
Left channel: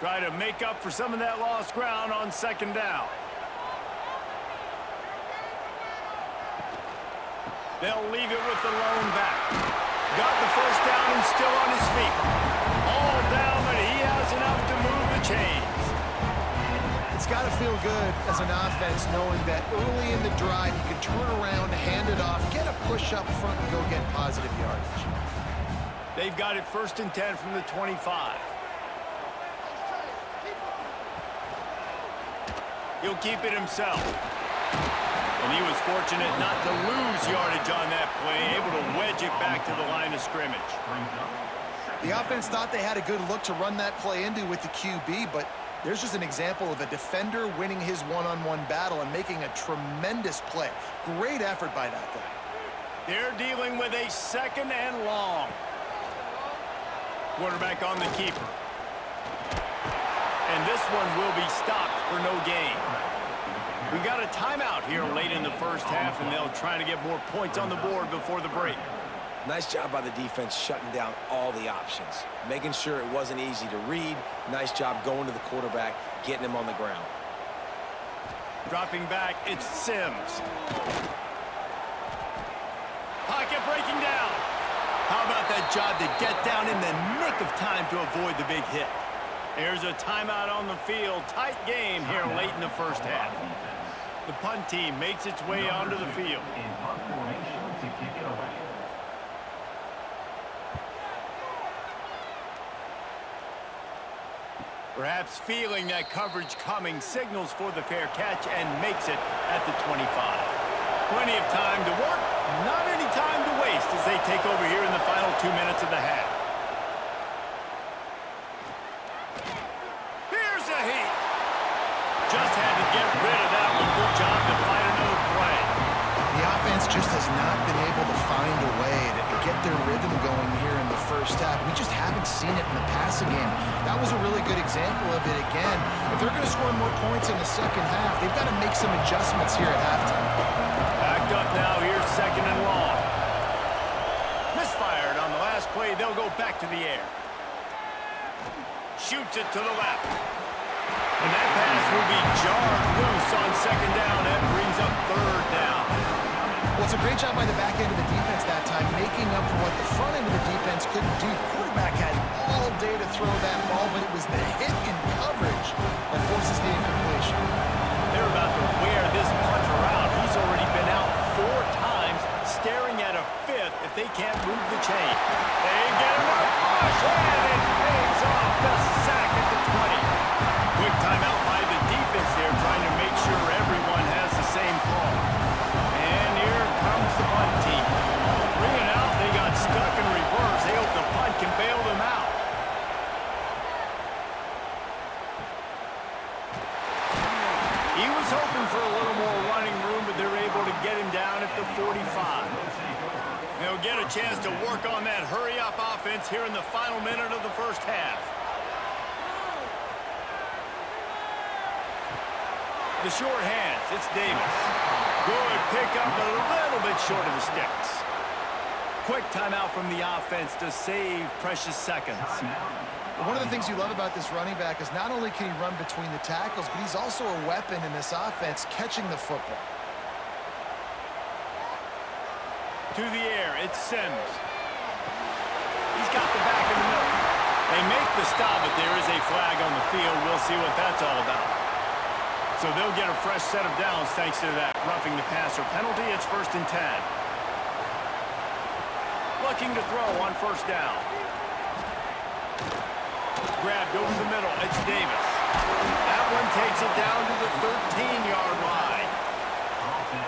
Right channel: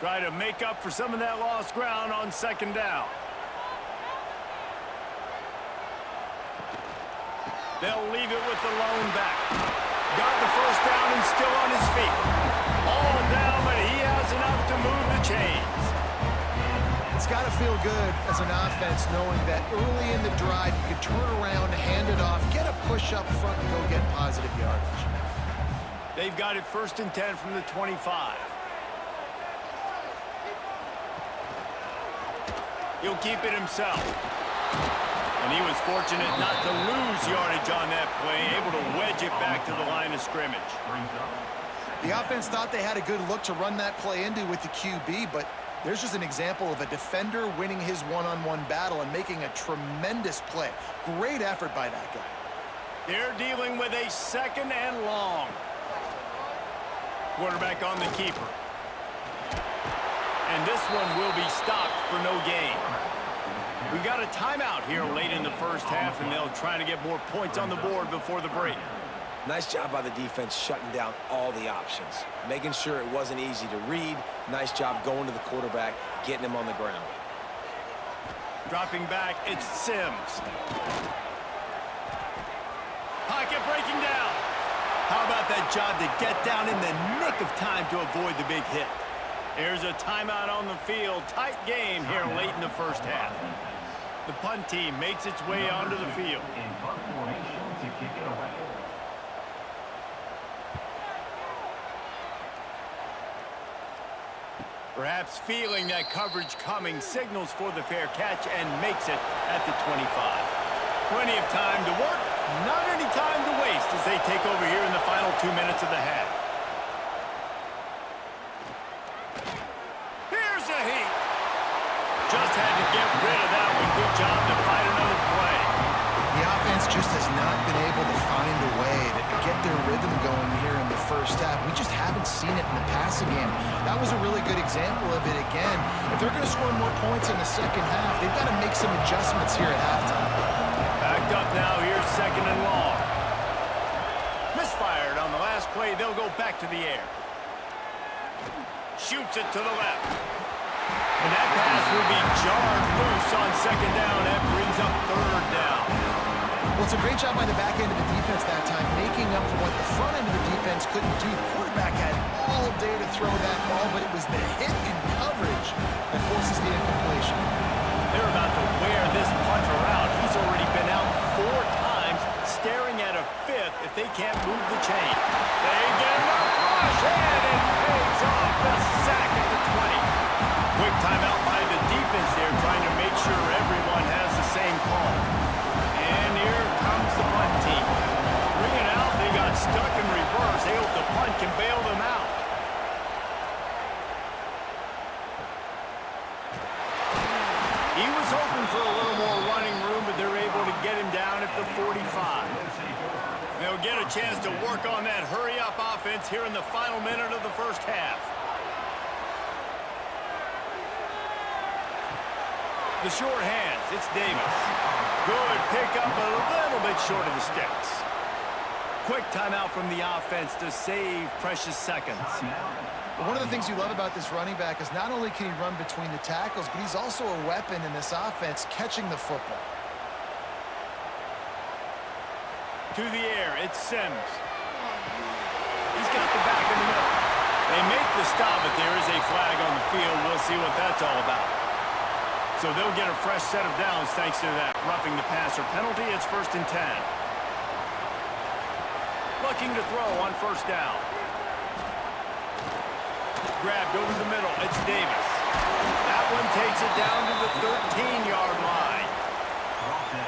Try to make up for some of that lost ground on second down. They'll leave it with the lone back. Got the first down and still on his feet. All down, but he has enough to move the chains. It's got to feel good as an offense knowing that early in the drive you can turn around, hand it off, get a push up front, and go get positive yardage. They've got it 1st and 10 from the 25. He'll keep it himself. And he was fortunate not to lose yardage on that play, able to wedge it back to the line of scrimmage. The offense thought they had a good look to run that play into with the QB, but there's just an example of a defender winning his one-on-one battle and making a tremendous play. Great effort by that guy. They're dealing with a 2nd and long. Quarterback on the keeper. And this one will be stopped for no gain. We got a timeout here late in the first half, and they'll try to get more points on the board before the break. Nice job by the defense shutting down all the options, making sure it wasn't easy to read. Nice job going to the quarterback, getting him on the ground. Dropping back, it's Sims. Pocket breaking down. How about that job to get down in the nick of time to avoid the big hit? There's a timeout on the field. Tight game here late in the first half. The punt team makes its way onto the field. In punt formation to kick it away. Perhaps feeling that coverage coming, signals for the fair catch and makes it at the 25. Plenty of time to work, not any time to waste as they take over here in the final 2 minutes of the half. Here's a heat. Just had to get rid of that one. Good job to find another play. The offense just has not been able to find a way to get their rhythm going here in the first half. We just haven't seen it in the passing game. That was a really good example of it again. If they're going to score more points in the second half, they've got to make some adjustments here at halftime. Backed up now, here's 2nd and long. Misfired on the last play. They'll go back to the air. Shoots it to the left. And that pass will be jarred loose on 2nd down. That brings up 3rd down. Well, it's a great job by the back end of the defense that time, making up for what the front end of the defense couldn't do. The quarterback had all day to throw that ball, but it was the hit in coverage that forces the incompletion. They're about to wear this punter out. He's already been out 4 times, staring at a 5th if they can't move the chain. They get enough rush, and it pays off. The sack at the 20. Quick timeout by the defense there, trying to make sure everyone has the same call. And here comes the punt team. 3 and out, they got stuck in reverse. They hope the punt can bail them out. He was hoping for a little more running room, but they're able to get him down at the 45. They'll get a chance to work on that hurry-up offense here in the final minute of the first half. The short hands, it's Davis. Good pickup, but a little bit short of the sticks. Quick timeout from the offense to save precious seconds. One of the things you love about this running back is not only can he run between the tackles, but he's also a weapon in this offense, catching the football. To the air, it's Sims. He's got the back in the middle. They make the stop, but there is a flag on the field. We'll see what that's all about. So they'll get a fresh set of downs thanks to that roughing the passer penalty. It's 1st and 10. Looking to throw on 1st down. Grabbed over the middle. It's Davis. That one takes it down to the 13-yard line.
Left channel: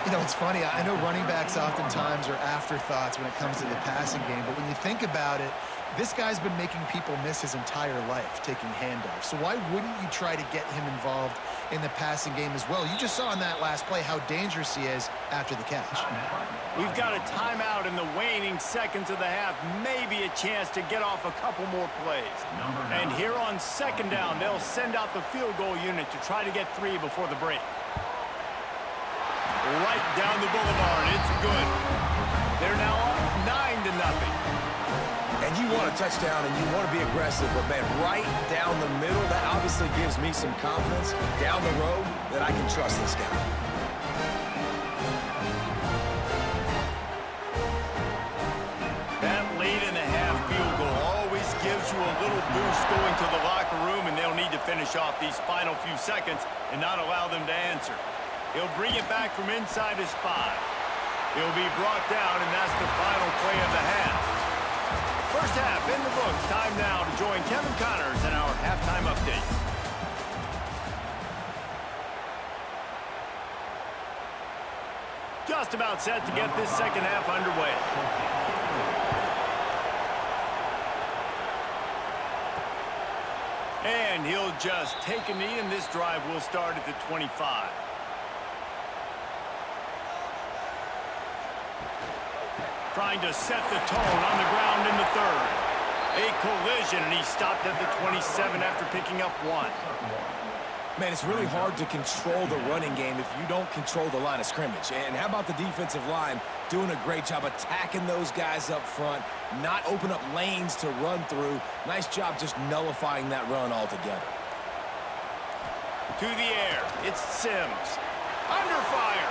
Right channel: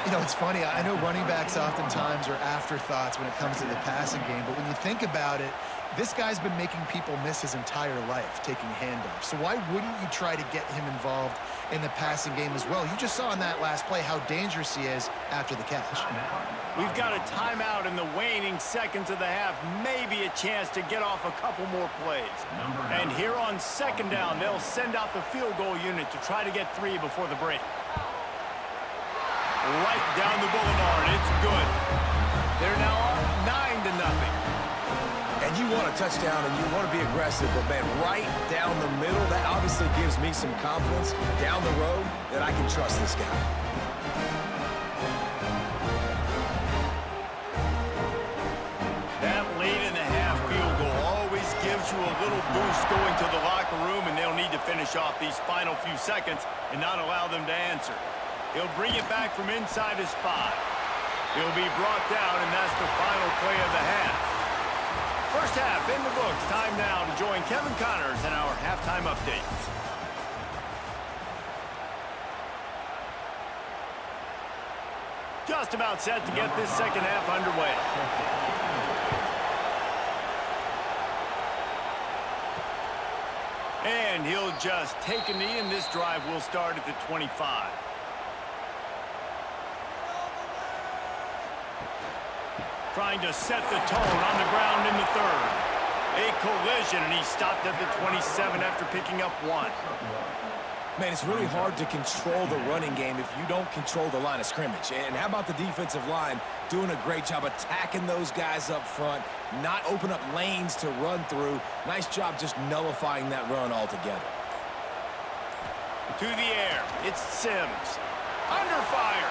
You know, it's funny. I know running backs oftentimes are afterthoughts when it comes to the passing game, but when you think about it, this guy's been making people miss his entire life taking handoffs. So why wouldn't you try to get him involved in the passing game as well? You just saw in that last play how dangerous he is after the catch. We've got a timeout in the waning seconds of the half. Maybe a chance to get off a couple more plays. And here on second down, they'll send out the field goal unit to try to get 3 before the break. Right down the boulevard. It's good. They're now up 9-0. And you want a touchdown and you want to be aggressive, but man, right down the middle, that obviously gives me some confidence down the road that I can trust this guy. That late in the half field goal always gives you a little boost going to the locker room, and they'll need to finish off these final few seconds and not allow them to answer. He'll bring it back from inside his 5. He'll be brought down, and that's the final play of the half. First half in the books. Time now to join Kevin Connors in our halftime update. Just about set to get this second half underway. And he'll just take a knee, and this drive will start at the 25. Trying to set the tone on the ground in the third. A collision, and he stopped at the 27 after picking up 1. Man, it's really hard to control the running game if you don't control the line of scrimmage. And how about the defensive line doing a great job attacking those guys up front, not open up lanes to run through. Nice job just nullifying that run altogether. To the air, it's Sims. Under fire.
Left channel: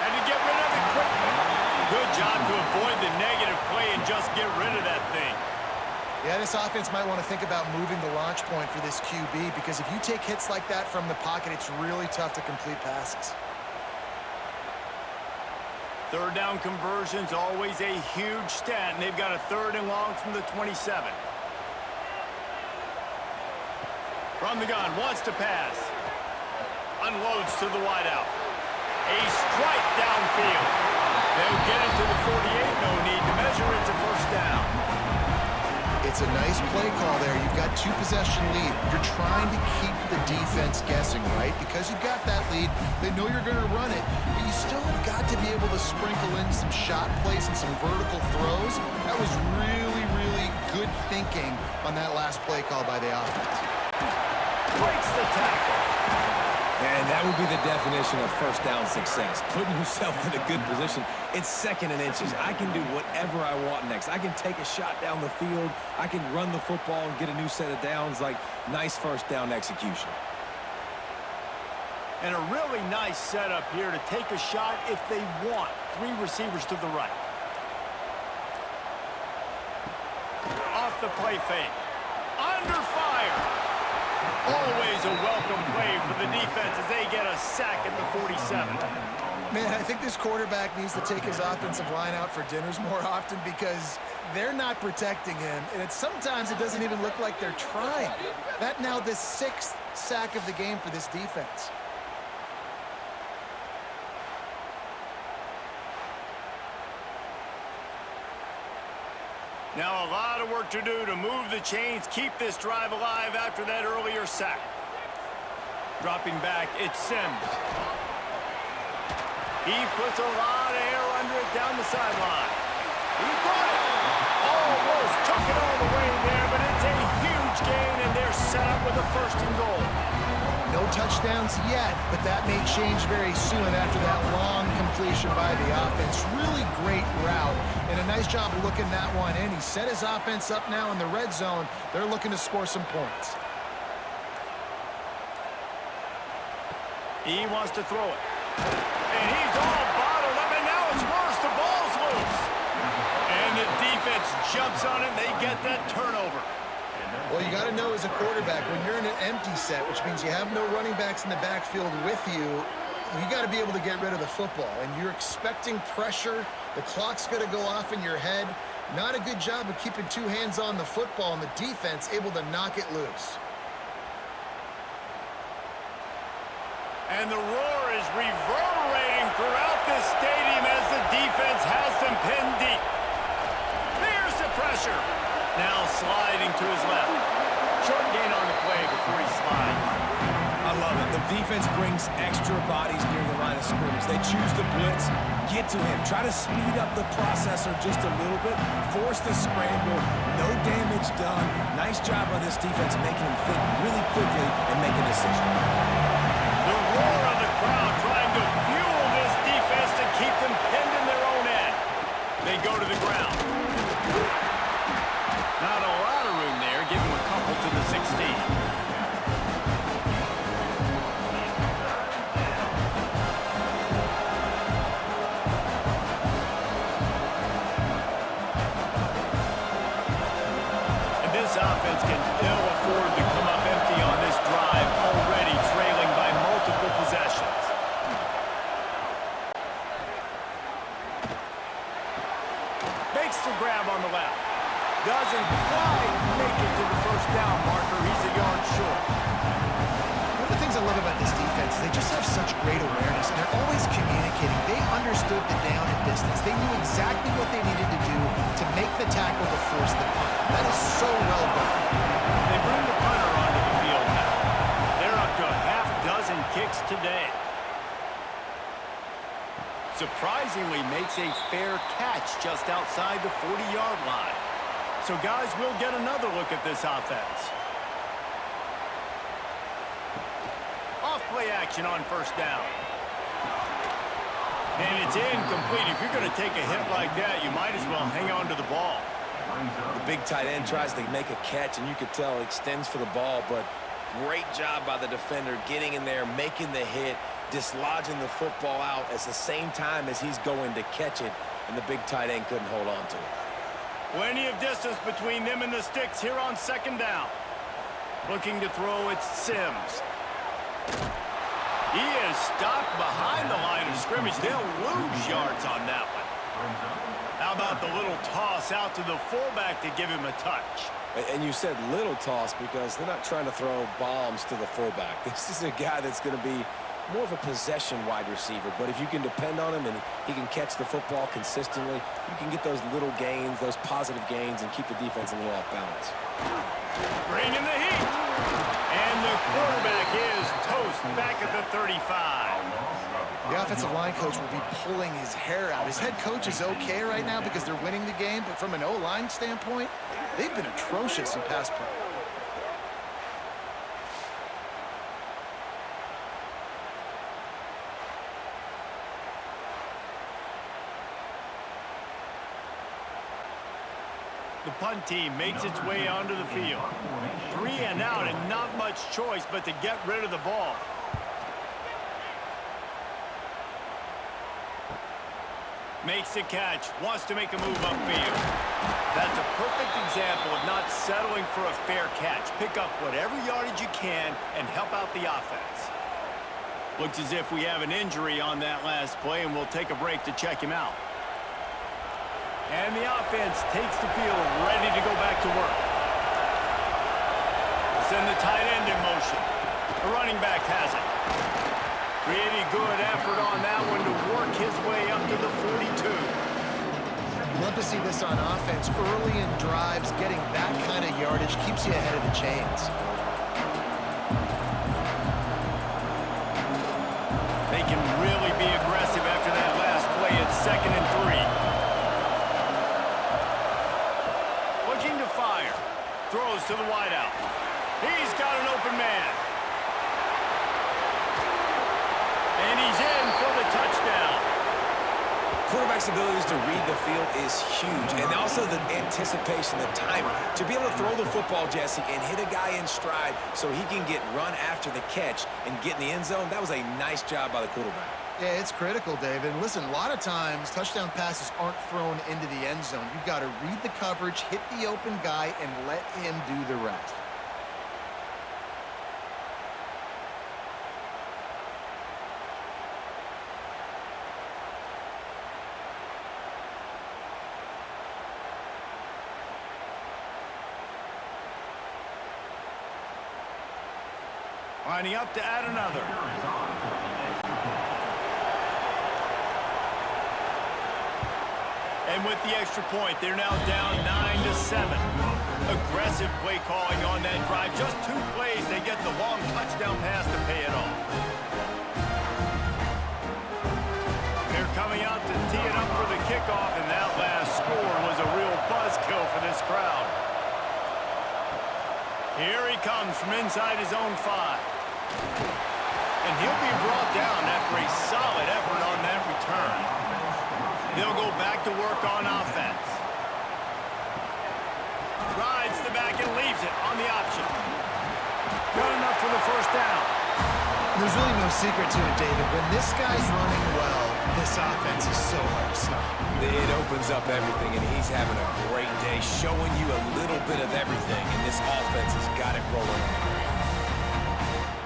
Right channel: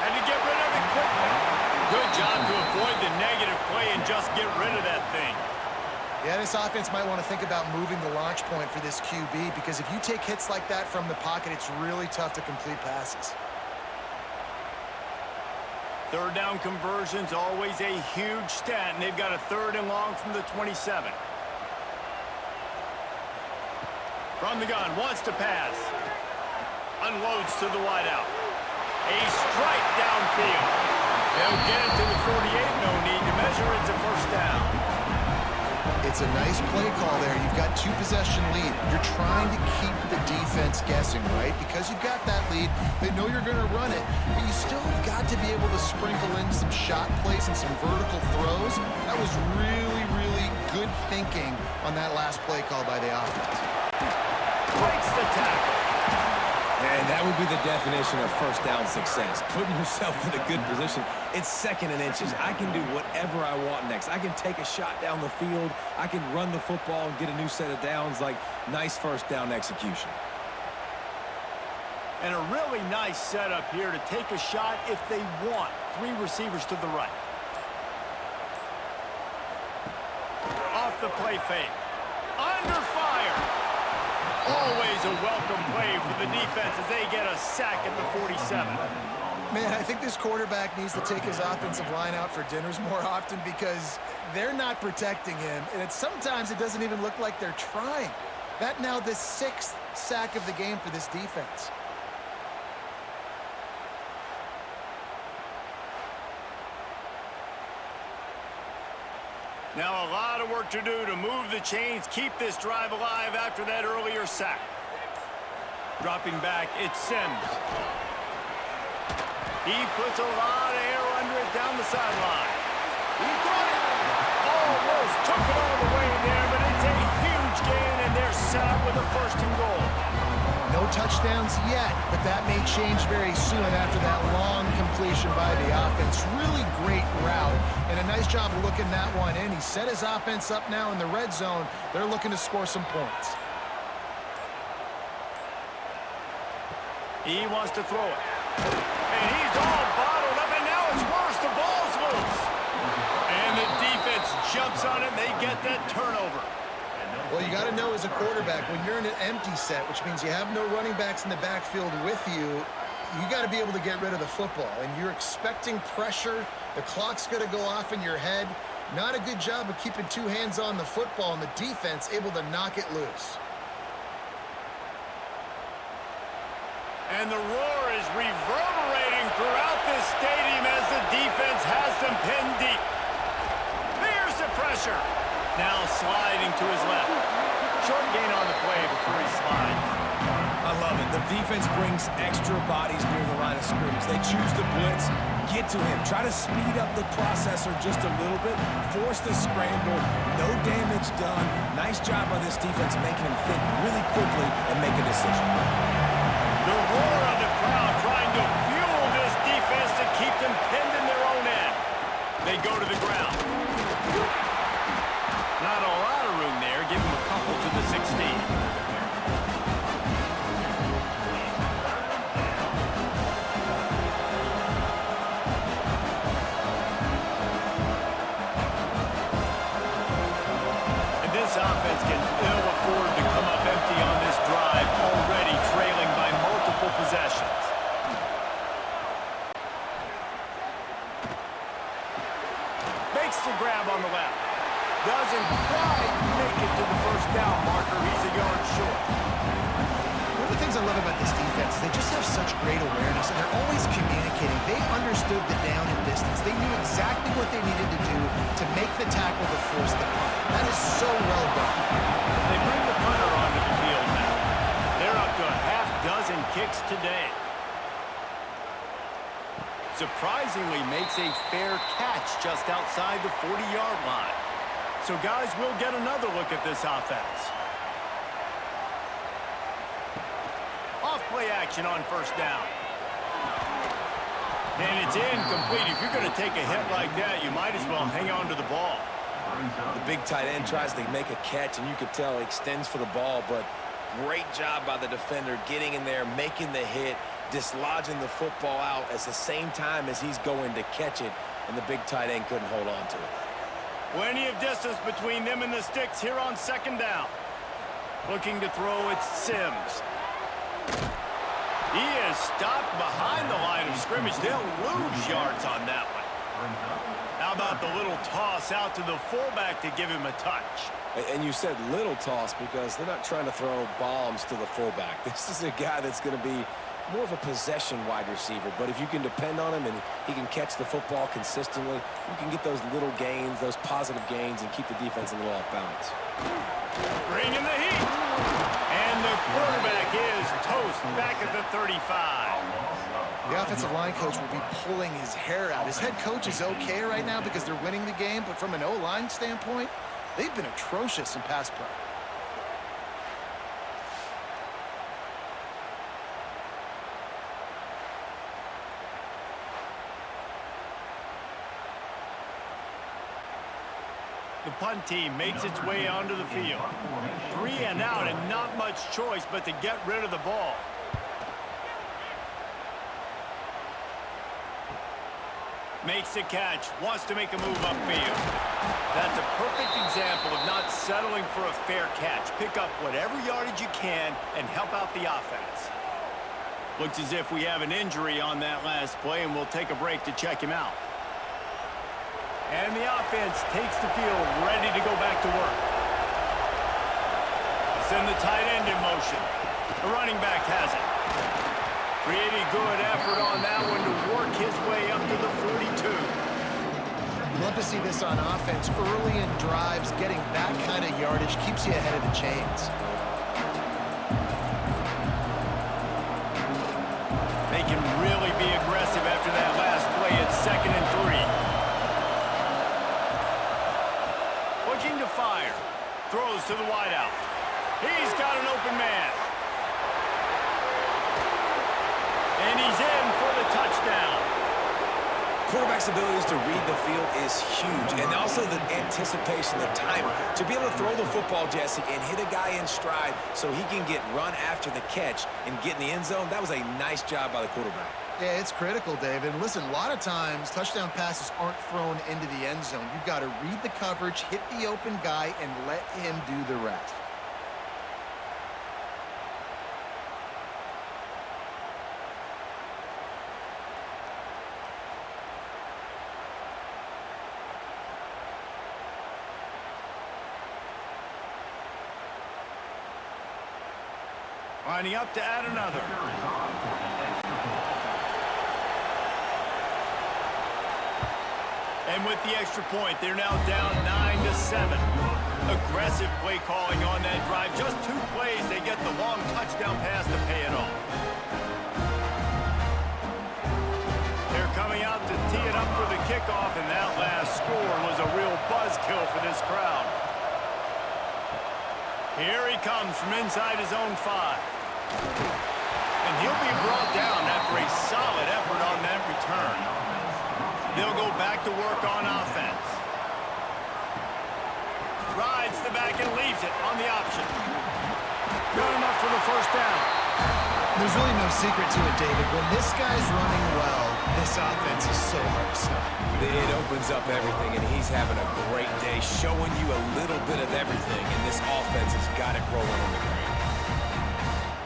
Had to get rid of it quickly. Good job to avoid the negative play and just get rid of that thing. Yeah, this offense might want to think about moving the launch point for this QB, because if you take hits like that from the pocket, it's really tough to complete passes. Third down conversion's always a huge stat, and they've got a 3rd and long from the 27. From the gun, wants to pass. Unloads to the wideout. A strike downfield. They'll get it to the 48. No need to measure. It's a first down. It's a nice play call there. You've got 2-possession lead. You're trying to keep the defense guessing, right? Because you've got that lead. They know you're going to run it, but you still have got to be able to sprinkle in some shot plays and some vertical throws. That was really, really good thinking on that last play call by the offense. Breaks the tackle. And that would be the definition of first down success, putting yourself in a good position. It's 2nd and inches. I can do whatever I want next. I can take a shot down the field. I can run the football and get a new set of downs. Like, nice first down execution. And a really nice setup here to take a shot if they want. 3 receivers to the right. Off the play fake. Under fire. Always a welcome play for the defense as they get a sack at the 47. Man, I think this quarterback needs to take his offensive line out for dinners more often, because they're not protecting him, and sometimes it doesn't even look like they're trying. That now the 6th sack of the game for this defense. Now a lot of work to do to move the chains, keep this drive alive after that earlier sack. Dropping back, it's Sims. He puts a lot of air under it down the sideline. He caught it. Almost took it all the way there, but it's a huge gain, and they're set up with a 1st and goal. No touchdowns yet, but that may change very soon after that long completion by the offense. Really great route, and a nice job of looking that one in. He set his offense up now in the red zone. They're looking to score some points. He wants to throw it. And he's all bottled up, and now it's worse. The ball's loose. And the defense jumps on it, and they get that turnover. Well, you got to know as a quarterback, when you're in an empty set, which means you have no running backs in the backfield with you, you got to be able to get rid of the football. And you're expecting pressure. The clock's going to go off in your head. Not a good job of keeping 2 hands on the football, and the defense able to knock it loose. And the roar is reverberating defense has them pinned deep. There's the pressure. Now sliding to his left. Short gain on the play before he slides. I love it. The defense brings extra bodies near the line of scrimmage. They choose to blitz, get to him, try to speed up the processor just a little bit, force the scramble, no damage done. Nice job by this defense making him think really quickly and make a decision. The roar of the crowd trying to fuel this defense to keep them pinned in their own end. They go to the ground. Not a lot of room there. Give him a couple to the 16. This offense can ill afford to come up empty on this drive, already trailing by multiple possessions. Makes the grab on the left. Doesn't quite make it to the first down marker. He's a yard short. One of the things I love about this defense is they just have such great awareness, and they're always communicating. They understood the down and distance. They knew exactly what they needed to do to make the tackle to force the punt. That is so well done. They bring the punter onto the field now. They're up to a half dozen kicks today. Surprisingly makes a fair catch just outside the 40-yard line. So guys, we'll get another look at this offense. Off-play action on first down. And it's incomplete. If you're going to take a hit like that, you might as well hang on to the ball. The big tight end tries to make a catch, and you could tell he extends for the ball, but great job by the defender getting in there, making the hit, dislodging the football out at the same time as he's going to catch it, and the big tight end couldn't hold on to it. Plenty of distance between them and the sticks here on second down. Looking to throw, it's Sims. He is stopped behind the line of scrimmage. They'll lose yards on that one. How about the little toss out to the fullback to give him a touch? And you said little toss because they're not trying to throw bombs to the fullback. This is a guy that's going to be more of a possession wide receiver, but if you can depend on him and he can catch the football consistently, you can get those little gains, those positive gains, and keep the defense a little off balance. Bring in the heat. And the quarterback is toast back at the 35. The offensive line coach will be pulling his hair out. His head coach is okay right now because they're winning the game, but from an O-line standpoint, they've been atrocious in pass play. The punt team makes its way onto the field. 3 and out and not much choice but to get rid of the ball. Makes the catch, wants to make a move upfield. That's a perfect example of not settling for a fair catch. Pick up whatever yardage you can and help out the offense. Looks as if we have an injury on that last play, and we'll take a break to check him out. And the offense takes the field, ready to go back to work. They send the tight end in motion. The running back has it. Pretty good effort on that one to work his way up to the 42. Love to see this on offense. Early in drives, getting that kind of yardage keeps you ahead of the chains. They can really be aggressive after that last play at 2nd and 3. Looking to fire. Throws to the wideout. He's got an open man. And he's in for the touchdown. Quarterback's abilities to read the field is huge. And also the anticipation, the timing. To be able to throw the football, Jesse, and hit a guy in stride so he can get run after the catch and get in the end zone, that was a nice job by the quarterback. Yeah, it's critical, David. And listen, a lot of times, touchdown passes aren't thrown into the end zone. You've got to read the coverage, hit the open guy, and let him do the rest. Lining up to add another. And with the extra point, they're now down 9-7. Aggressive play calling on that drive. Just 2 plays, they get the long touchdown pass to pay it off. They're coming out to tee it up for the kickoff, and that last score was a real buzzkill for this crowd. Here he comes from inside his own 5. And he'll be brought down after a solid effort on that return. They'll go back to work on offense. Rides the back and leaves it on the option. Good enough for the first down. There's really no secret to it, David. When this guy's running well, this offense is so hard to stop. It opens up everything, and he's having a great day, showing you a little bit of everything, and this offense has got it rolling on the ground.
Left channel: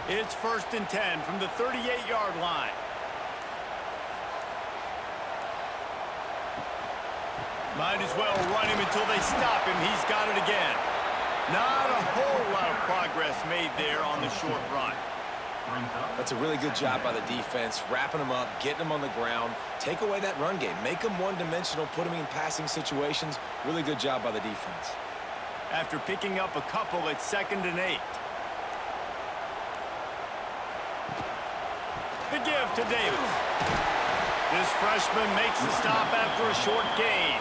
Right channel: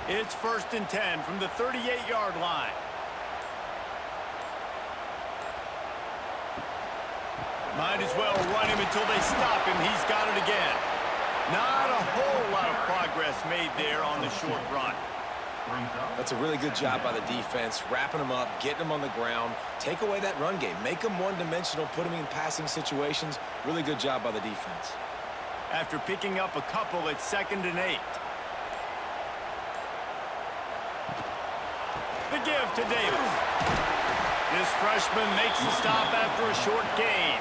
It's 1st and 10 from the 38-yard line. Might as well run him until they stop him. He's got it again. Not a whole lot of progress made there on the short run. That's a really good job by the defense, wrapping them up, getting them on the ground. Take away that run game. Make them one-dimensional, put them in passing situations. Really good job by the defense. After picking up a couple, it's 2nd and 8. The give to Davis. This freshman makes the stop after a short gain.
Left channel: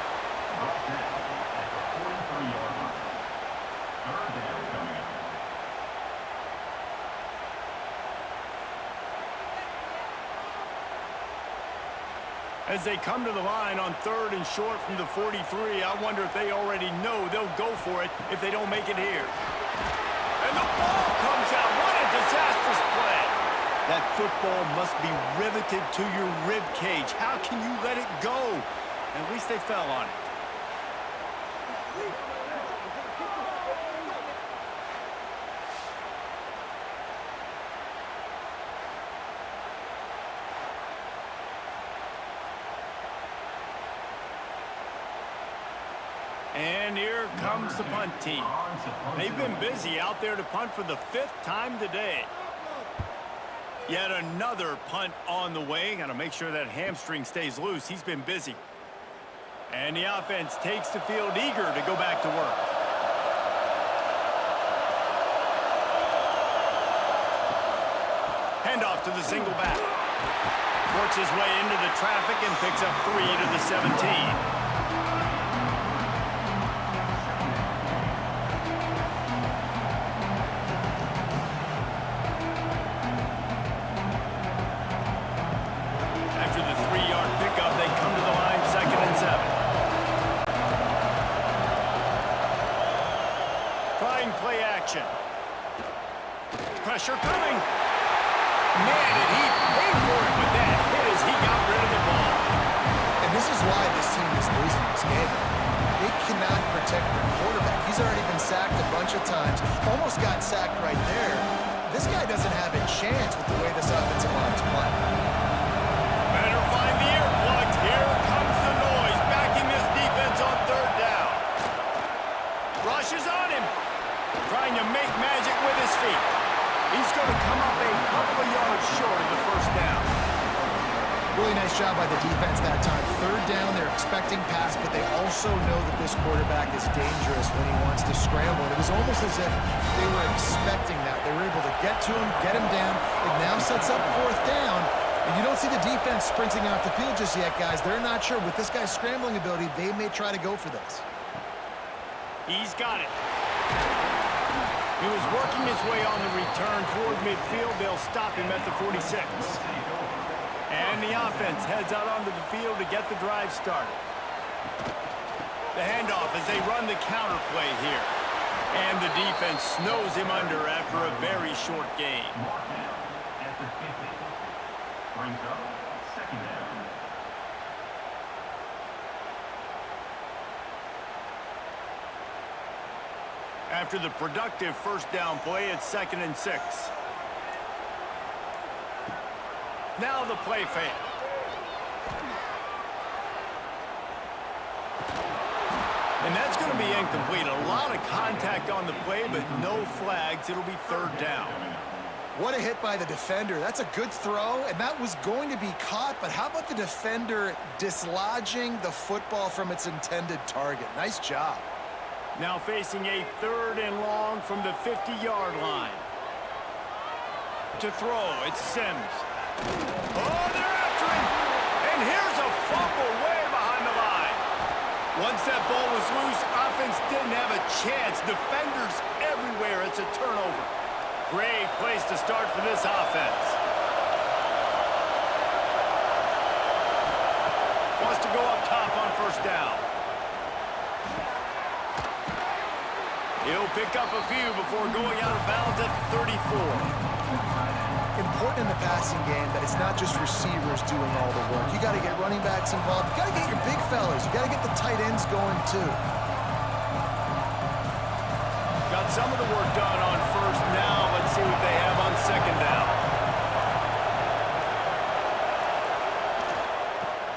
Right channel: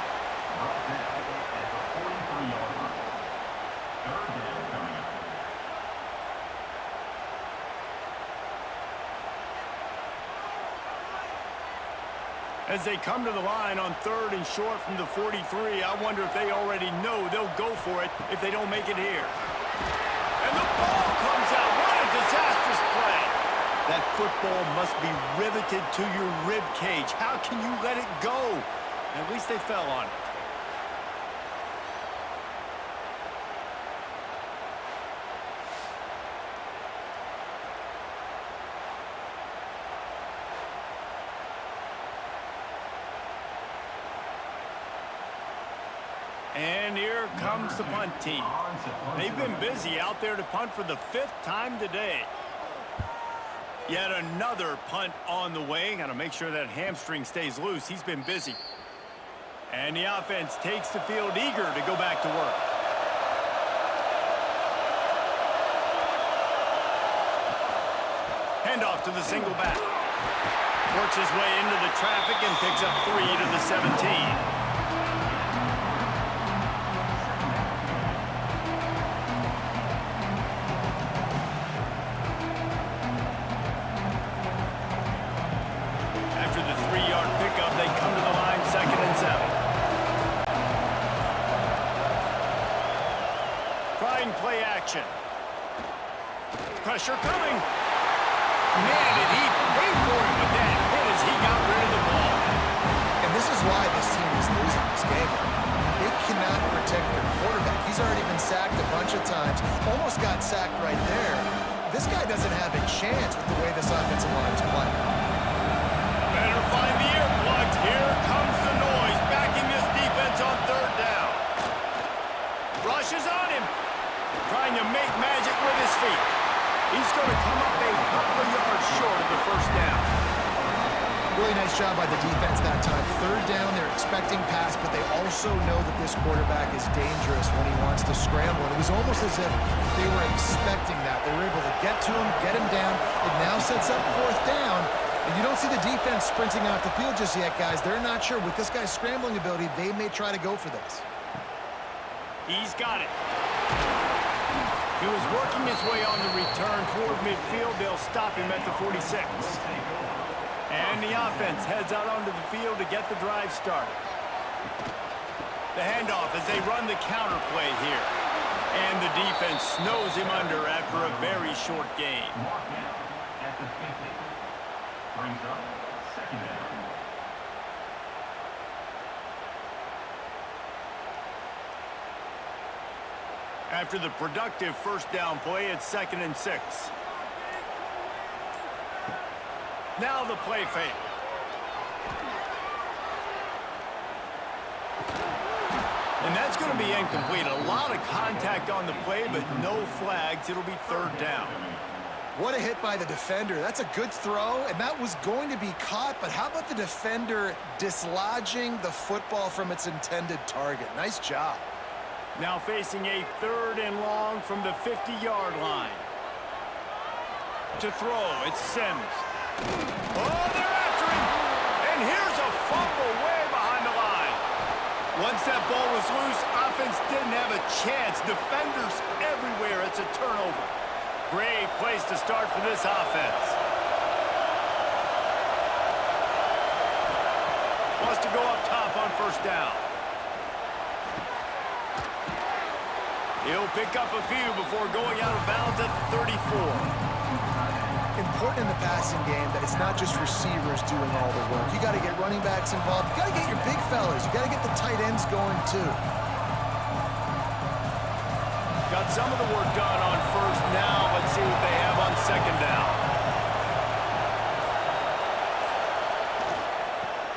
As they come to the line on 3rd and short from the 43, I wonder if they already know they'll go for it if they don't make it here. And the ball comes out. What a disastrous play. That football must be riveted to your rib cage. How can you let it go? At least they fell on it. And here comes the punt team. They've been busy out there to punt for the 5th time today. Yet another punt on the way. Got to make sure that hamstring stays loose. He's been busy. And the offense takes the field eager to go back to work. Handoff to the single back. Works his way into the traffic and picks up 3 to the 17. After the 3-yard pickup, they come to the line 2nd and 7. Trying play action. Pressure coming. Man, did he pay for it with that hit as he got rid of the ball. And this is why this team is losing this game. They cannot protect their quarterback. He's already been sacked a bunch of times. Almost got sacked right there. This guy doesn't have a chance with the way this offensive line is playing. Better find the earplugs. Here comes the noise, backing this defense on 3rd down. Rushes on him, trying to make magic with his feet. He's going to come up a couple of yards short of the 1st down. Really nice job by the defense that time. 3rd down, they're expecting pass, but they also know that this quarterback is dangerous when he wants to scramble. And it was almost as if they were expecting that. They were able to get to him, get him down. It now sets up 4th down. And you don't see the defense sprinting out the field just yet, guys. They're not sure. With this guy's scrambling ability, they may try to go for this. He's got it. He was working his way on the return toward midfield. They'll stop him at the 46. And the offense heads out onto the field to get the drive started. The handoff as they run the counter play here. And the defense snows him under after a very short game. At the 50. Brings up 2nd down. After the productive 1st down play, it's 2nd and 6. Now the play fake. And that's going to be incomplete. A lot of contact on the play, but no flags. It'll be 3rd down. What a hit by the defender. That's a good throw, and that was going to be caught, but how about the defender dislodging the football from its intended target? Nice job. Now facing a 3rd and long from the 50-yard line. To throw, it's Sims. Oh, they're after him! And here's a fumble way behind the line. Once that ball was loose, offense didn't have a chance. Defenders everywhere. It's a turnover. Great place to start for this offense. Wants to go up top on 1st down. He'll pick up a few before going out of bounds at the 34. Important in the passing game that it's not just receivers doing all the work. You got to get running backs involved. You got to get your big fellas. You got to get the tight ends going too. Got some of the work done on 1st down. Let's see what they have on 2nd down.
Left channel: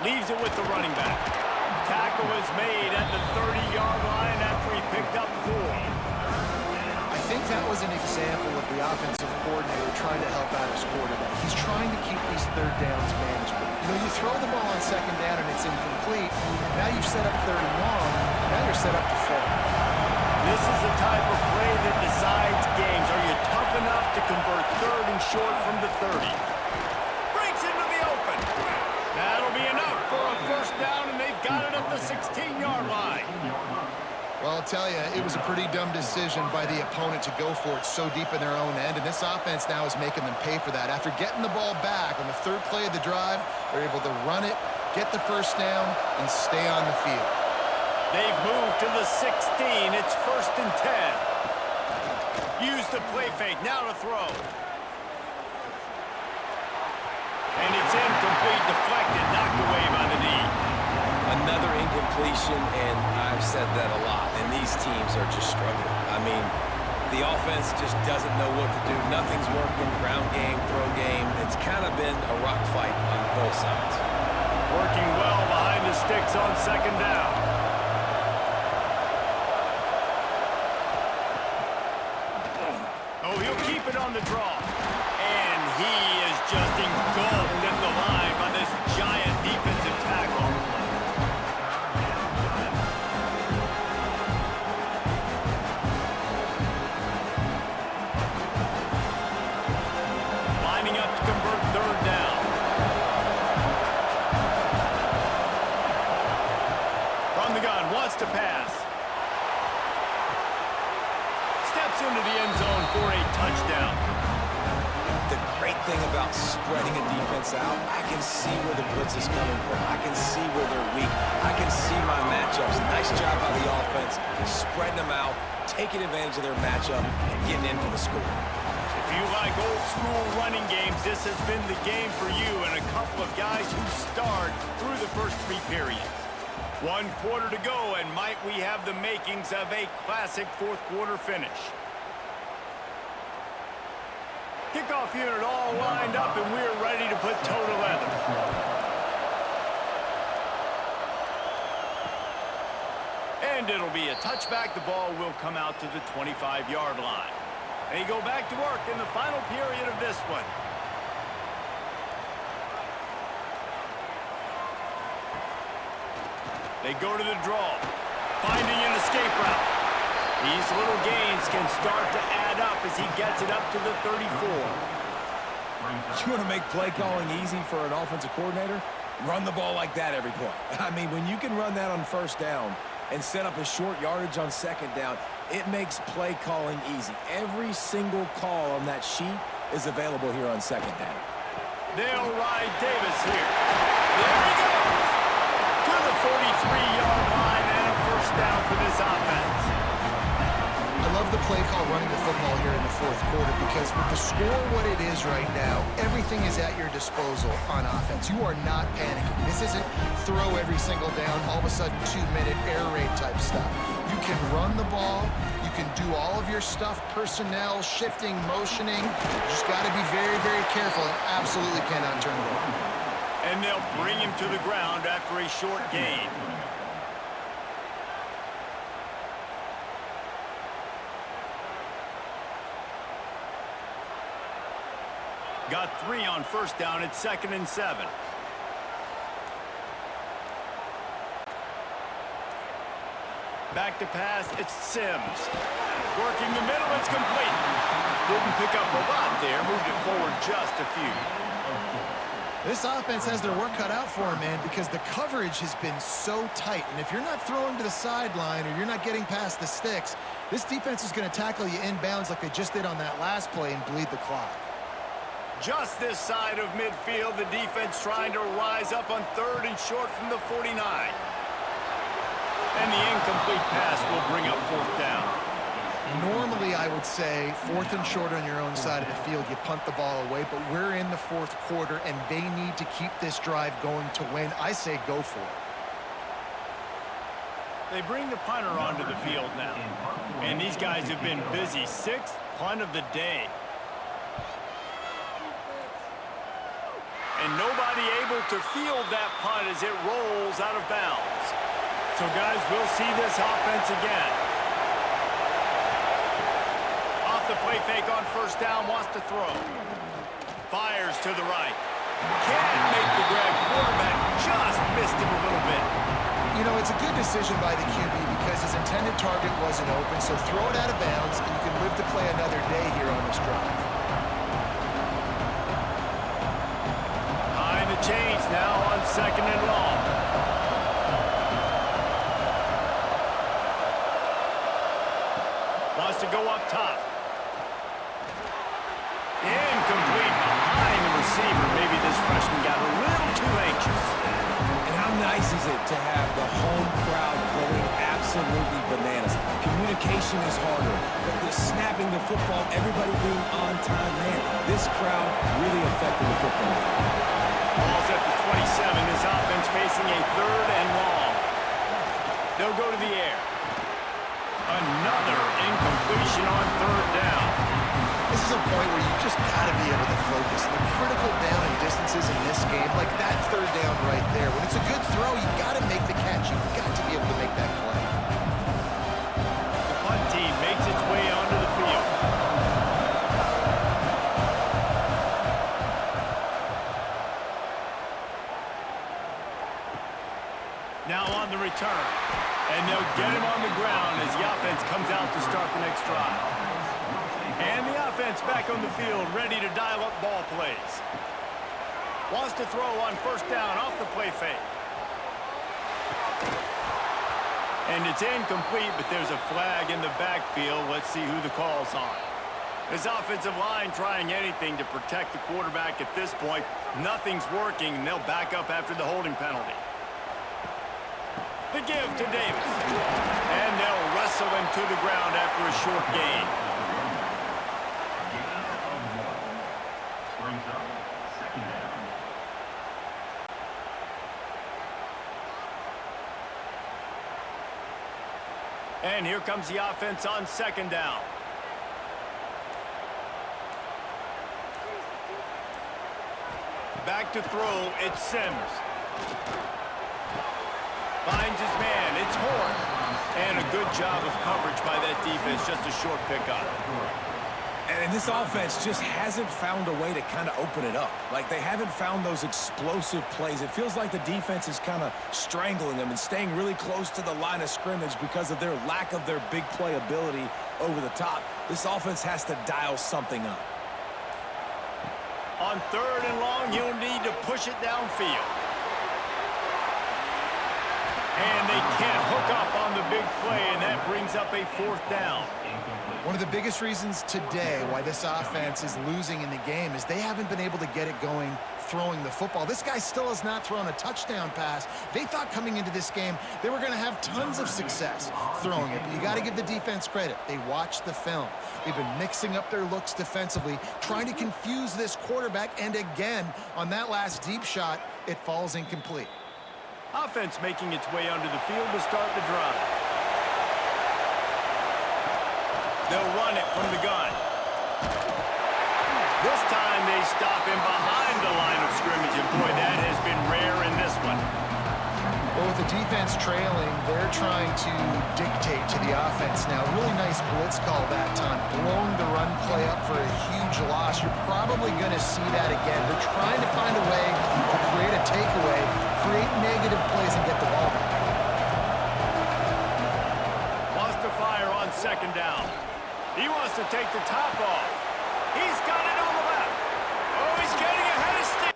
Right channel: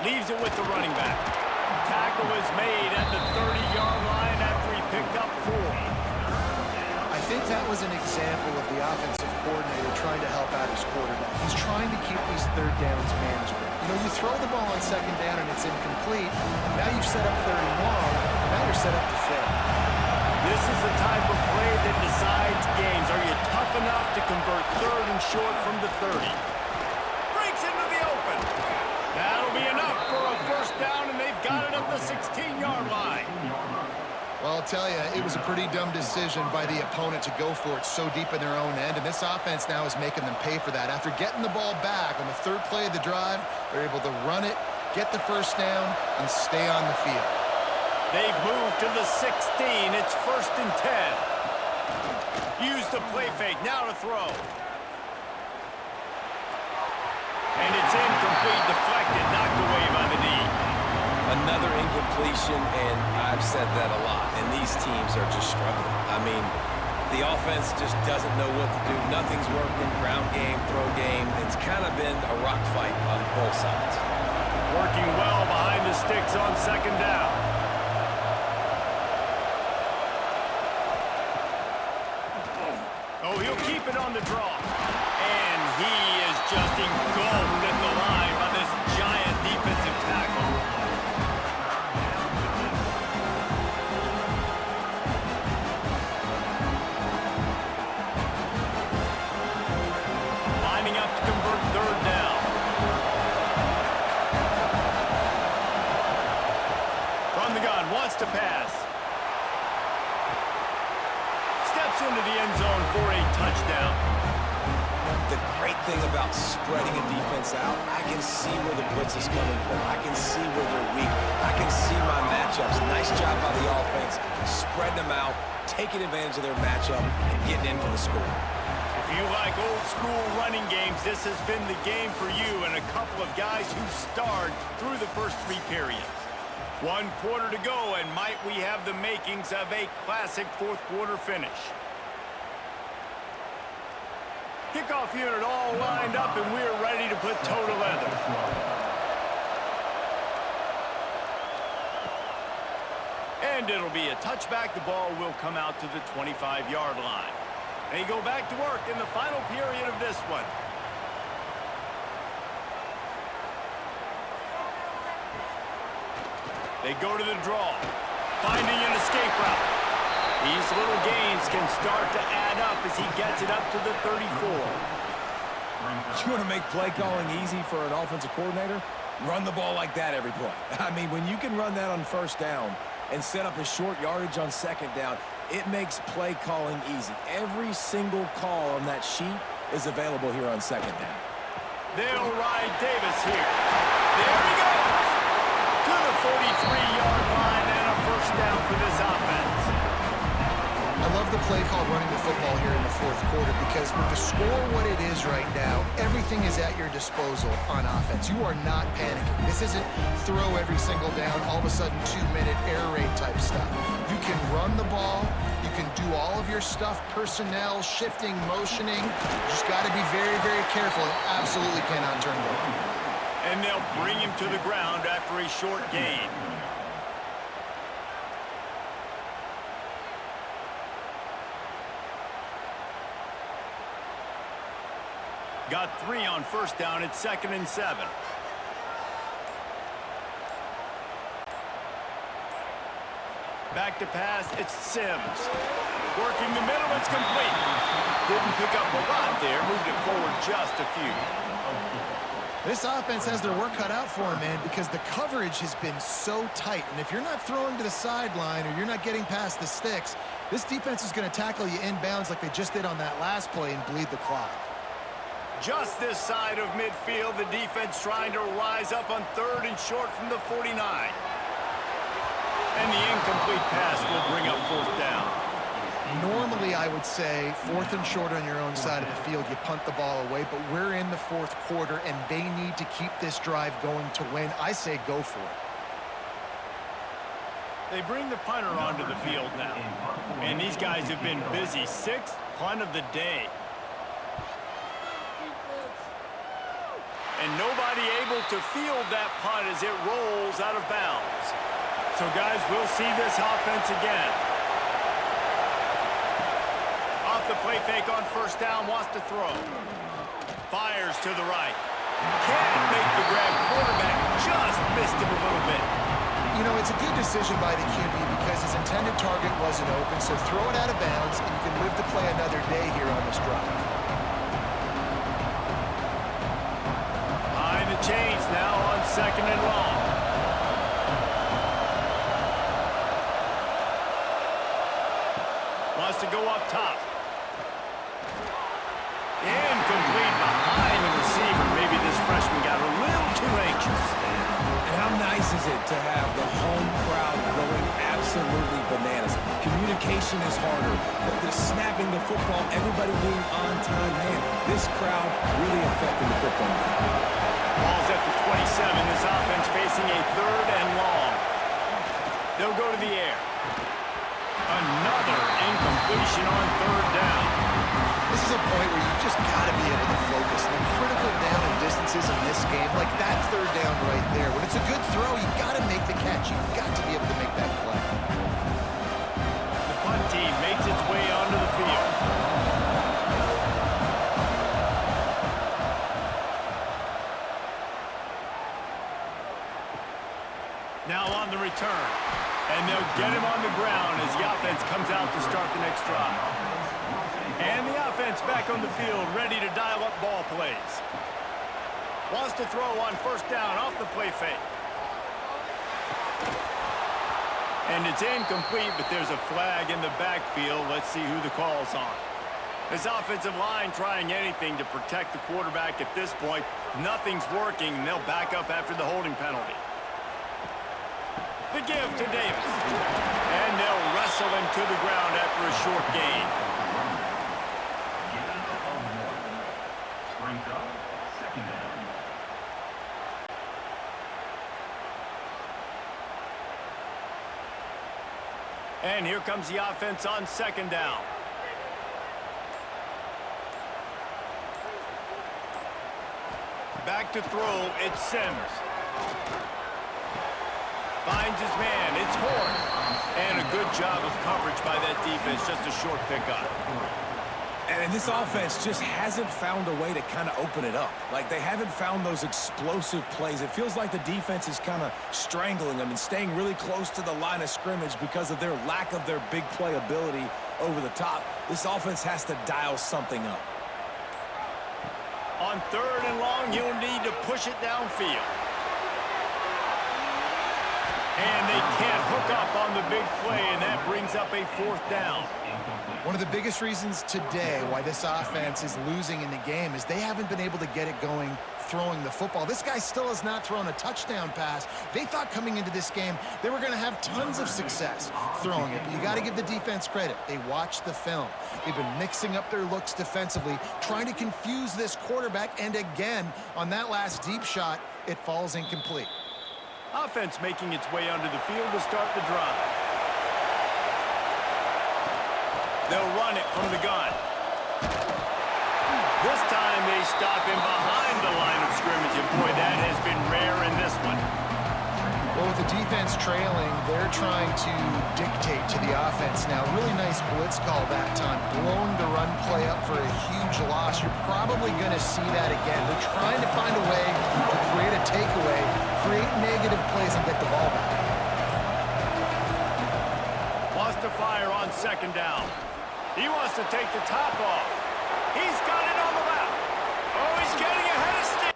Leaves it with the running back. Tackle is made at the 30-yard line after he picked up 4. I think that was an example of the offensive coordinator trying to help out his quarterback. He's trying to keep these 3rd downs manageable. You know, you throw the ball on 2nd down and it's incomplete. Now you've set up 3rd and long. Now you're set up to fail. This is the type of play that decides games. Are you tough enough to convert 3rd and short from the 30? Breaks into the open. That'll be enough for a 1st down, and they've got it at the 16-yard line. Well, I'll tell you, it was a pretty dumb decision by the opponent to go for it so deep in their own end, and this offense now is making them pay for that. After getting the ball back on the 3rd play of the drive, they're able to run it, get the 1st down, and stay on the field. They've moved to the 16. It's 1st and 10. Use the play fake. Now to throw. And it's incomplete, deflected, knocked away by the knee. Another incompletion, and I've said that a lot, and these teams are just struggling. I mean, the offense just doesn't know what to do. Nothing's working, ground game, throw game. It's kind of been a rock fight on both sides. Working well behind the sticks on 2nd down. Oh, he'll keep it on the draw. And he is just engulfed at the line by this giant defensive tackle. Lining up to convert 3rd down. From the gun, wants to pass. Steps into the end zone for a touchdown. The great thing about spreading a defense out, I can see where the blitz is coming from. I can see where they're weak. I can see my matchups. Nice job by the offense, spreading them out, taking advantage of their matchup, and getting in for the score. If you like old-school running games, this has been the game for you and a couple of guys who starred through the first 3 periods. 1 quarter to go, and might we have the makings of a classic 4th quarter finish. Kickoff unit all lined up, and we're ready to put toe to leather. And it'll be a touchback. The ball will come out to the 25-yard line. They go back to work in the final period of this one. They go to the draw, finding an escape route. These little gains can start to add up as he gets it up to the 34. You want to make play calling easy for an offensive coordinator? Run the ball like that every play. I mean, when you can run that on 1st down and set up a short yardage on 2nd down, it makes play calling easy. Every single call on that sheet is available here on 2nd down. They'll ride Davis here. There he goes! To the 43-yard line and a 1st down for this offense. I love the play call running the football here in the 4th quarter because with the score what it is right now, everything is at your disposal on offense. You are not panicking. This isn't throw every single down, all of a sudden 2-minute air raid type stuff. You can run the ball. You can do all of your stuff, personnel, shifting, motioning. You just got to be very, very careful and absolutely cannot turn it over. And they'll bring him to the ground after a short gain. Got 3 on first down. It's 2nd and 7. Back to pass. It's Sims. Working the middle. It's complete. Didn't pick up a lot there. Moved it forward just a few. This offense has their work cut out for them, man, because the coverage has been so tight. And if you're not throwing to the sideline or you're not getting past the sticks, this defense is going to tackle you inbounds like they just did on that last play and bleed the clock. Just this side of midfield, the defense trying to rise up on 3rd and short from the 49. And the incomplete pass will bring up 4th down. Normally, I would say 4th and short on your own side of the field, you punt the ball away, but we're in the 4th quarter, and they need to keep this drive going to win. I say go for it. They bring the punter onto the field now. And these guys have been busy. 6th punt of the day. And nobody able to field that punt as it rolls out of bounds. So, guys, we'll see this offense again. Off the play fake on first down, wants to throw. Fires to the right. Can't make the grab. Quarterback just missed him a little bit. You know, it's a good decision by the QB because his intended target wasn't open, so throw it out of bounds, and you can live to play another day here on this drive. Behind the chains now on 2nd and long. Wants to go up top. Incomplete behind the receiver. Maybe this freshman got a little too anxious. And how nice is it to have the home crowd going absolutely bananas? Communication is harder. The snapping the football, everybody being on time. Man, this crowd really affecting the football game. Ball's at the 27. This offense facing a 3rd and long. They'll go to the air. Another incompletion on 3rd down. This is a point where you just got to be able to focus. The critical down and distances in this game, like that 3rd down right there. When it's a good throw, you got to make the catch. You've got to be able to make that play. The punt team makes its way onto the field. Now on the return. And they'll get him on the ground as the offense comes out to start the next drive. And the offense back on the field, ready to dial up ball plays. Wants to throw on first down off the play fake. And it's incomplete, but there's a flag in the backfield. Let's see who the call's on. This offensive line trying anything to protect the quarterback at this point. Nothing's working, and they'll back up after the holding penalty. The give to Davis. And they'll wrestle him to the ground after a short gain. Gain of 1. Brings up 2nd down. And here comes the offense on 2nd down. Back to throw, it's Sims. Finds his man, it's Horn. And a good job of coverage by that defense, just a short pickup. And this offense just hasn't found a way to kind of open it up. Like, they haven't found those explosive plays. It feels like the defense is kind of strangling them and staying really close to the line of scrimmage because of their lack of their big play ability over the top. This offense has to dial something up. On 3rd and long, you'll need to push it downfield. And they can't hook up on the big play, and that brings up a 4th down. One of the biggest reasons today why this offense is losing in the game is they haven't been able to get it going throwing the football. This guy still has not thrown a touchdown pass. They thought coming into this game they were going to have tons of success throwing it, but you got to give the defense credit. They watched the film. They've been mixing up their looks defensively, trying to confuse this quarterback, and again, on that last deep shot, it falls incomplete. Offense making its way onto the field to start the drive. They'll run it from the gun. This time they stop him behind the line of scrimmage, and boy, that has been rare in this one. Well, with the defense trailing, they're trying to dictate to the offense now. Really nice blitz call that time, blowing the run play up for a huge loss. You're probably going to see that again. They're trying to find a way to create a takeaway, create negative plays, and get the ball back. Wants to fire on second down. He wants to take the top off. He's got it on the left. Oh, he's getting ahead of Steve.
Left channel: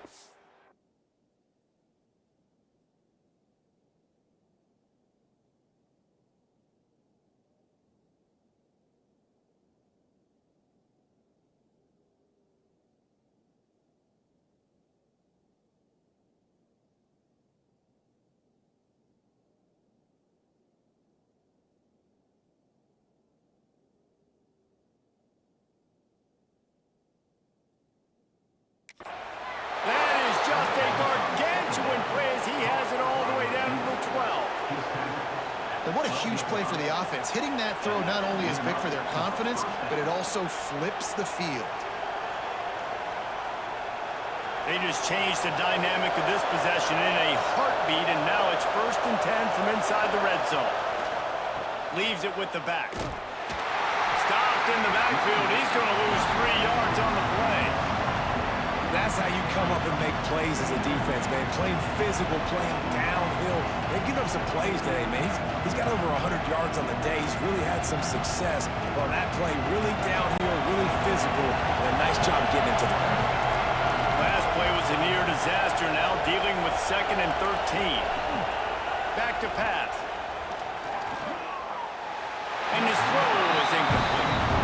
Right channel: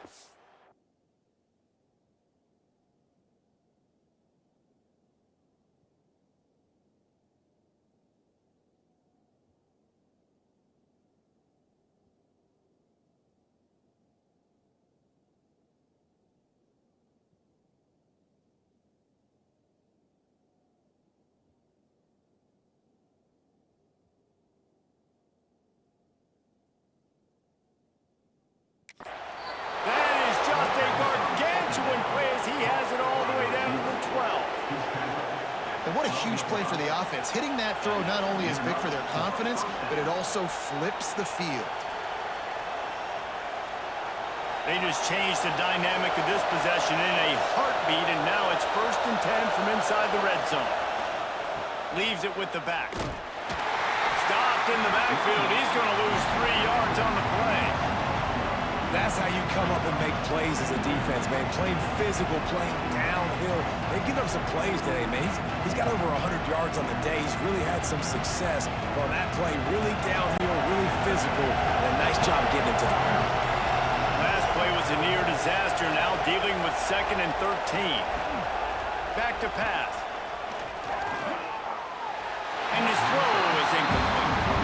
That is just a gargantuan play as he has it all the way down to the 12. And what a huge play for the offense. Hitting that throw not only is big for their confidence, but it also flips the field. They just changed the dynamic of this possession in a heartbeat, and now it's 1st and 10 from inside the red zone. Leaves it with the back. Stopped in the backfield. He's going to lose 3 yards on the play. That's how you come up and make plays as a defense, man. Playing physical, playing downhill. They give up some plays today, man. He's got over 100 yards on the day. He's really had some success. But on that play, really downhill, really physical, and a nice job getting him to the ground. Last play was a near disaster, now dealing with 2nd and 13. Back to pass. And his throw is incomplete.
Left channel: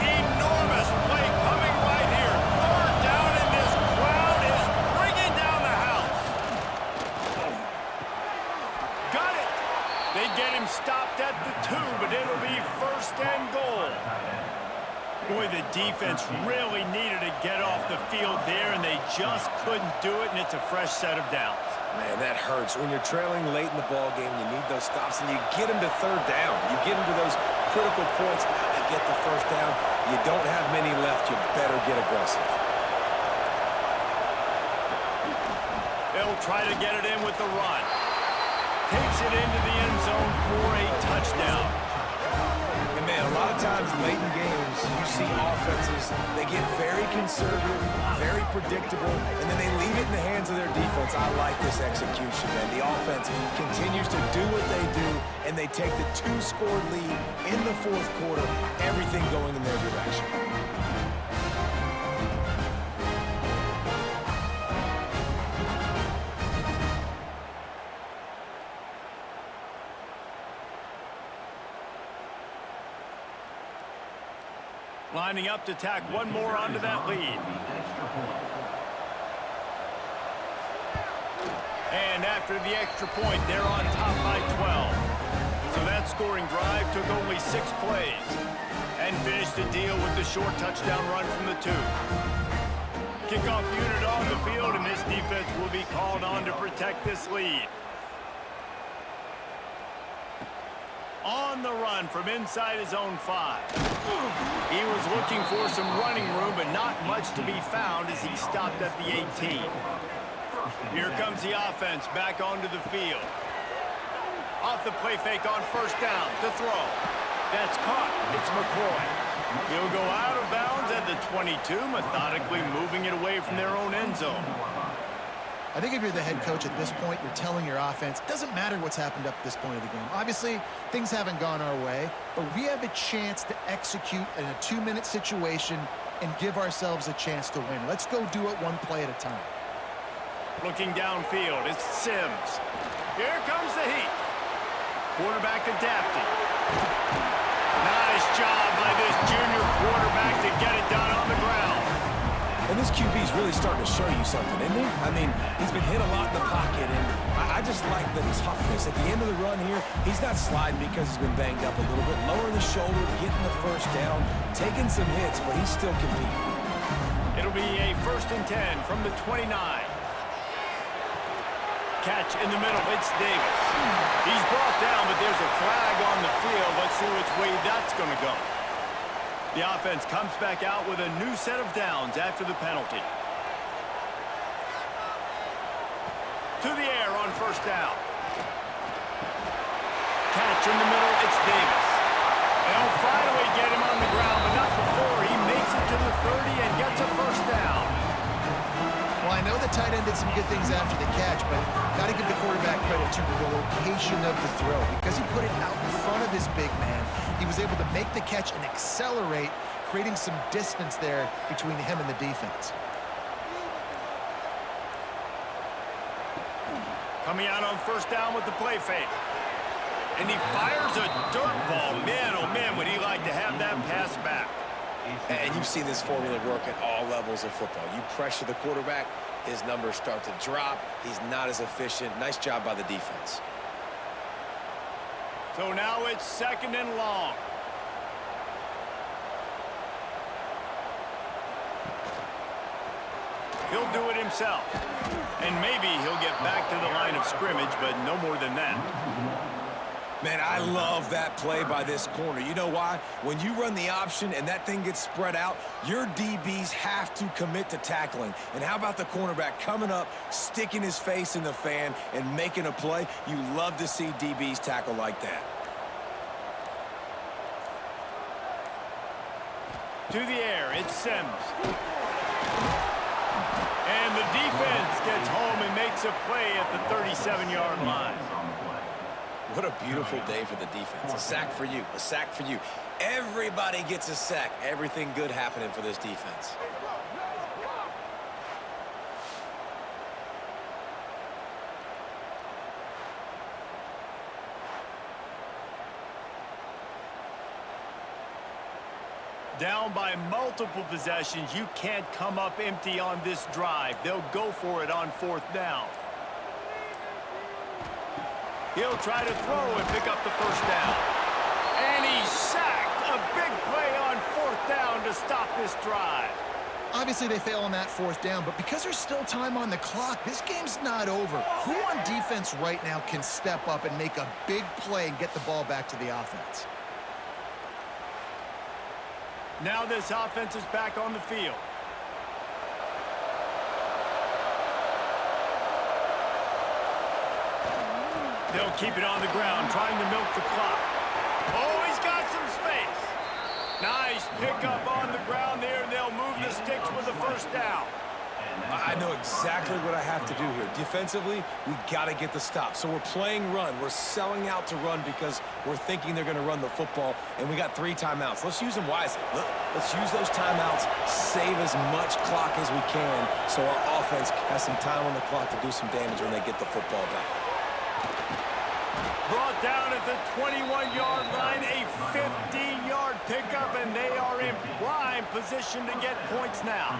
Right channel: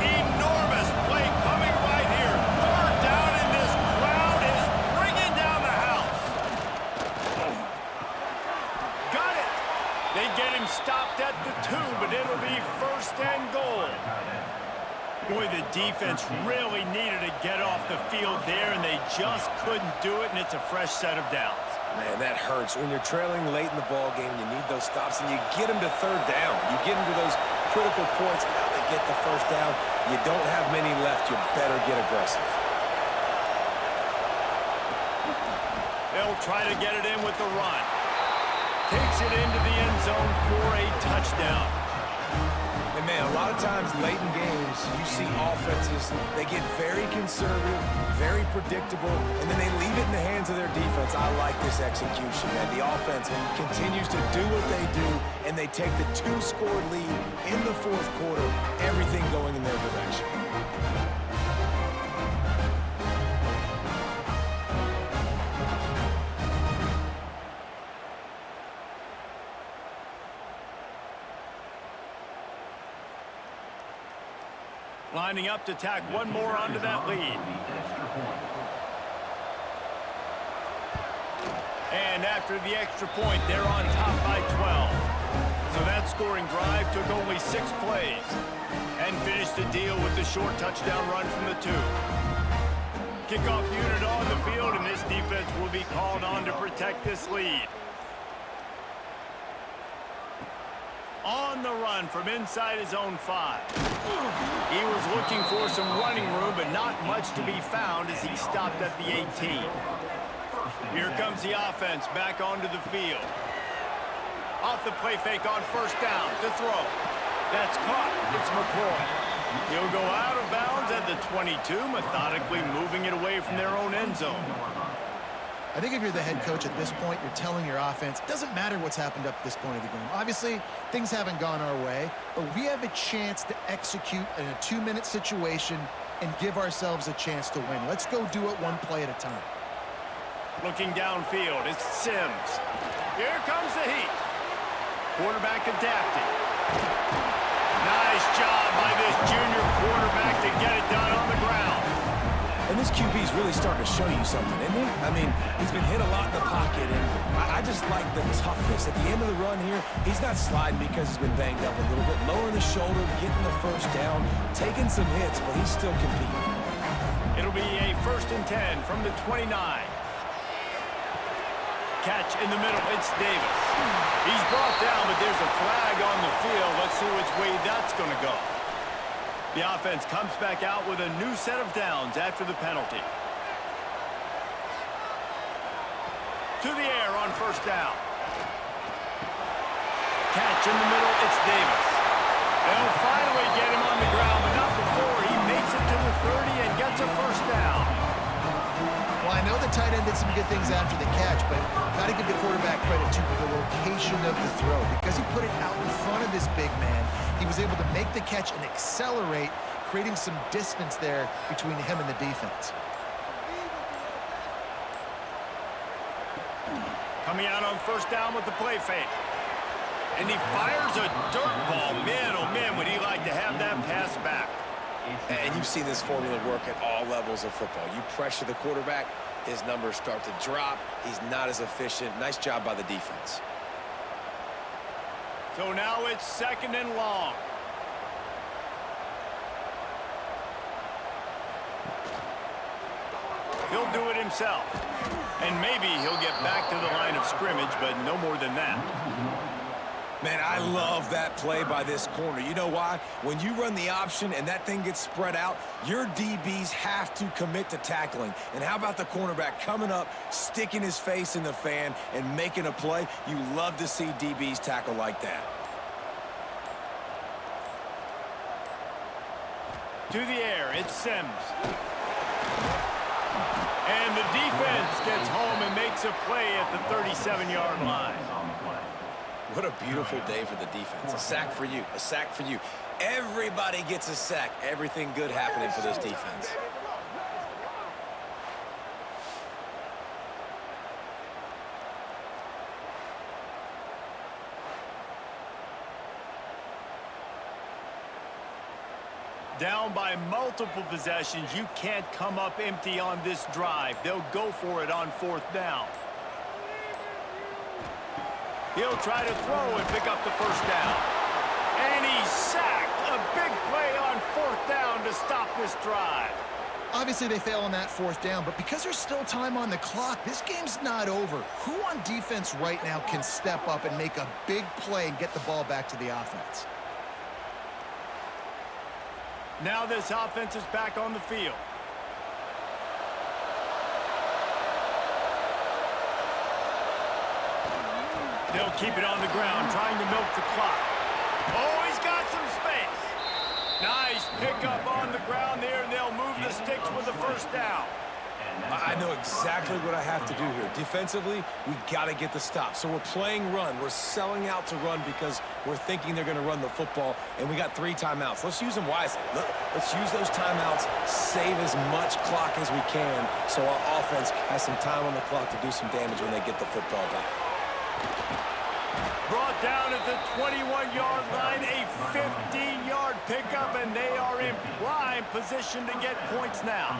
Enormous play coming right here. 3rd down, and this crowd is bringing down the house. Got it. They get him stopped at the 2, but it'll be 1st and goal. Boy, the defense really needed to get off the field there, and they just couldn't do it, and it's a fresh set of downs. Man, that hurts. When you're trailing late in the ball game, you need those stops, and you get them to 3rd down. You get them to those critical points. Now they get the 1st down. You don't have many left. You better get aggressive. They'll try to get it in with the run. Takes it into the end zone for a touchdown. And, man, a lot of times late in games, you see offenses, they get very conservative, very predictable, and then they leave it in the hands of their defense. I like this execution, man. The offense continues to do what they do, and they take the 2-score lead in the 4th quarter, everything going in their direction. Lining up to tack one more onto that lead. And after the extra point, they're on top by 12. So that scoring drive took only 6 plays and finished the deal with the short touchdown run from the 2. Kickoff unit on the field, and this defense will be called on to protect this lead. On the run from inside his own 5. He was looking for some running room, but not much to be found as he stopped at the 18. Here comes the offense back onto the field. Off the play fake on 1st down to throw. That's caught. It's McElroy. He'll go out of bounds at the 22, methodically moving it away from their own end zone. I think if you're the head coach at this point, you're telling your offense, it doesn't matter what's happened up to this point of the game. Obviously, things haven't gone our way, but we have a chance to execute in a 2-minute situation and give ourselves a chance to win. Let's go do it one play at a time. Looking downfield, it's Sims. Here comes the heat. Quarterback adapting. Nice job by this junior quarterback to get it done on the ground. And this QB's really starting to show you something, isn't he? I mean, he's been hit a lot in the pocket, and I just like the toughness. At the end of the run here, he's not sliding because he's been banged up a little bit. Lowering the shoulder, getting the 1st down, taking some hits, but he's still competing. It'll be a 1st and 10 from the 29. Catch in the middle. It's Davis. He's brought down, but there's a flag on the field. Let's see which way that's going to go. The offense comes back out with a new set of downs after the penalty. To the air on first down. Catch in the middle. It's Davis. They'll finally get him on the ground, but not before he makes it to the 30 and gets a first down. Well, I know the tight end did some good things after the catch, but got to give the quarterback credit to the location of the throw. Because he put it out in front of his big man, he was able to make the catch and accelerate, creating some distance there between him and the defense. Coming out on first down with the play fake. And he fires a dirt ball. Man, oh man, would he like to have that pass back. And you've seen this formula work at all levels of football. You pressure the quarterback, his numbers start to drop. He's not as efficient. Nice job by the defense. So now it's 2nd and long. He'll do it himself. And maybe he'll get back to the line of scrimmage, but no more than that. Man, I love that play by this corner. You know why? When you run the option and that thing gets spread out, your DBs have to commit to tackling. And how about the cornerback coming up, sticking his face in the fan, and making a play? You love to see DBs tackle like that. To the air, it's Sims. And the defense gets home and makes a play at the 37-yard line. What a beautiful day for the defense. A sack for you, a sack for you. Everybody gets a sack. Everything good happening for this defense. Down by multiple possessions, you can't come up empty on this drive. They'll go for it on 4th down. He'll try to throw and pick up the first down. And he's sacked. A big play on 4th down to stop this drive. Obviously, they fail on that 4th down, but because there's still time on the clock, this game's not over. Who on defense right now can step up and make a big play and get the ball back to the offense? Now this offense is back on the field. They'll keep it on the ground, trying to milk the clock. Oh, he's got some space. Nice pickup on the ground there, and they'll move the sticks with the first down. I know exactly what I have to do here. Defensively, we got to get the stop. So we're playing run. We're selling out to run because we're thinking they're going to run the football, and we got 3 timeouts. Let's use them wisely. Let's use those timeouts, save as much clock as we can so our offense has some time on the clock to do some damage when they get the football back. Brought down at the 21-yard line, a 15-yard pickup, and they are in prime position to get points now.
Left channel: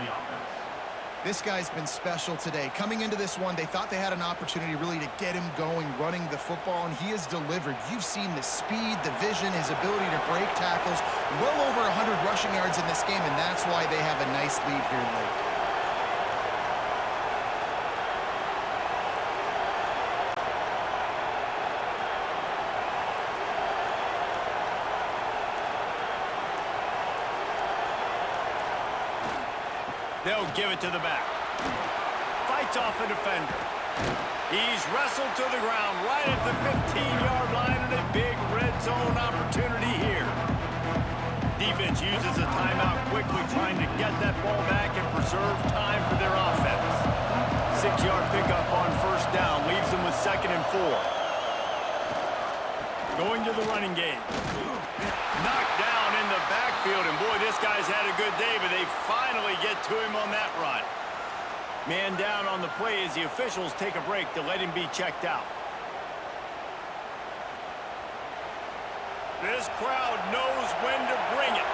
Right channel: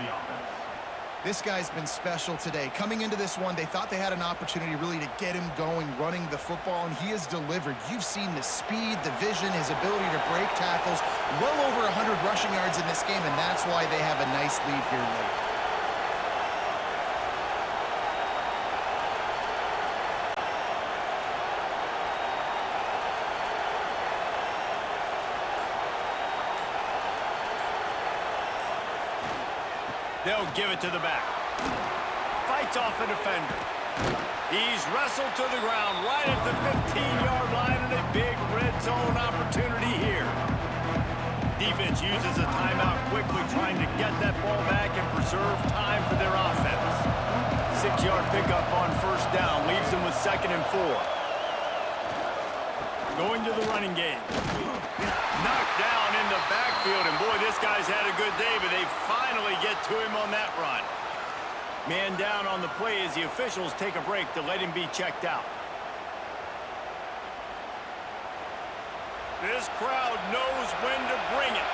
This guy's been special today. Coming into this one, they thought they had an opportunity really to get him going, running the football, and he has delivered. You've seen the speed, the vision, his ability to break tackles. Well over 100 rushing yards in this game, and that's why they have a nice lead here late. They'll give it to the back. Fights off a defender. He's wrestled to the ground right at the 15-yard line, and a big red zone opportunity here. Defense uses a timeout quickly, trying to get that ball back and preserve time for their offense. 6-yard pickup on first down leaves them with 2nd and 4. Going to the running game. Knocked down in the backfield, and boy, this guy's had a good day, but they finally get to him on that run. Man down on the play as the officials take a break to let him be checked out. This crowd knows when to bring it.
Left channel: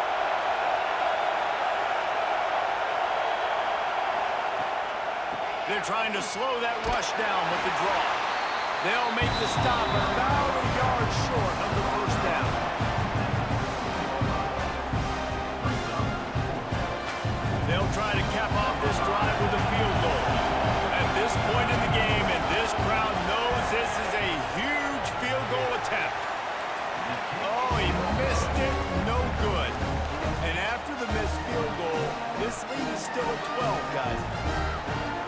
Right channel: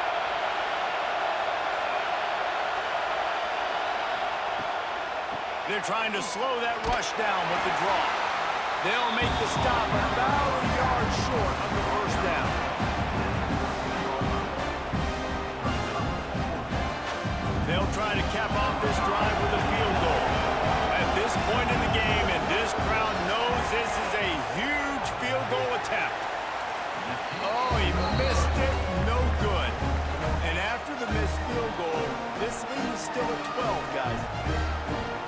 They're trying to slow that rush down with the draw. They'll make the stop about a yard short of the first down. They'll try to cap off this drive with a field goal. At this this point in the game, and this crowd knows this is a huge field goal attempt. Oh, he missed it. No good. And after the missed field goal, this lead is still at 12, guys.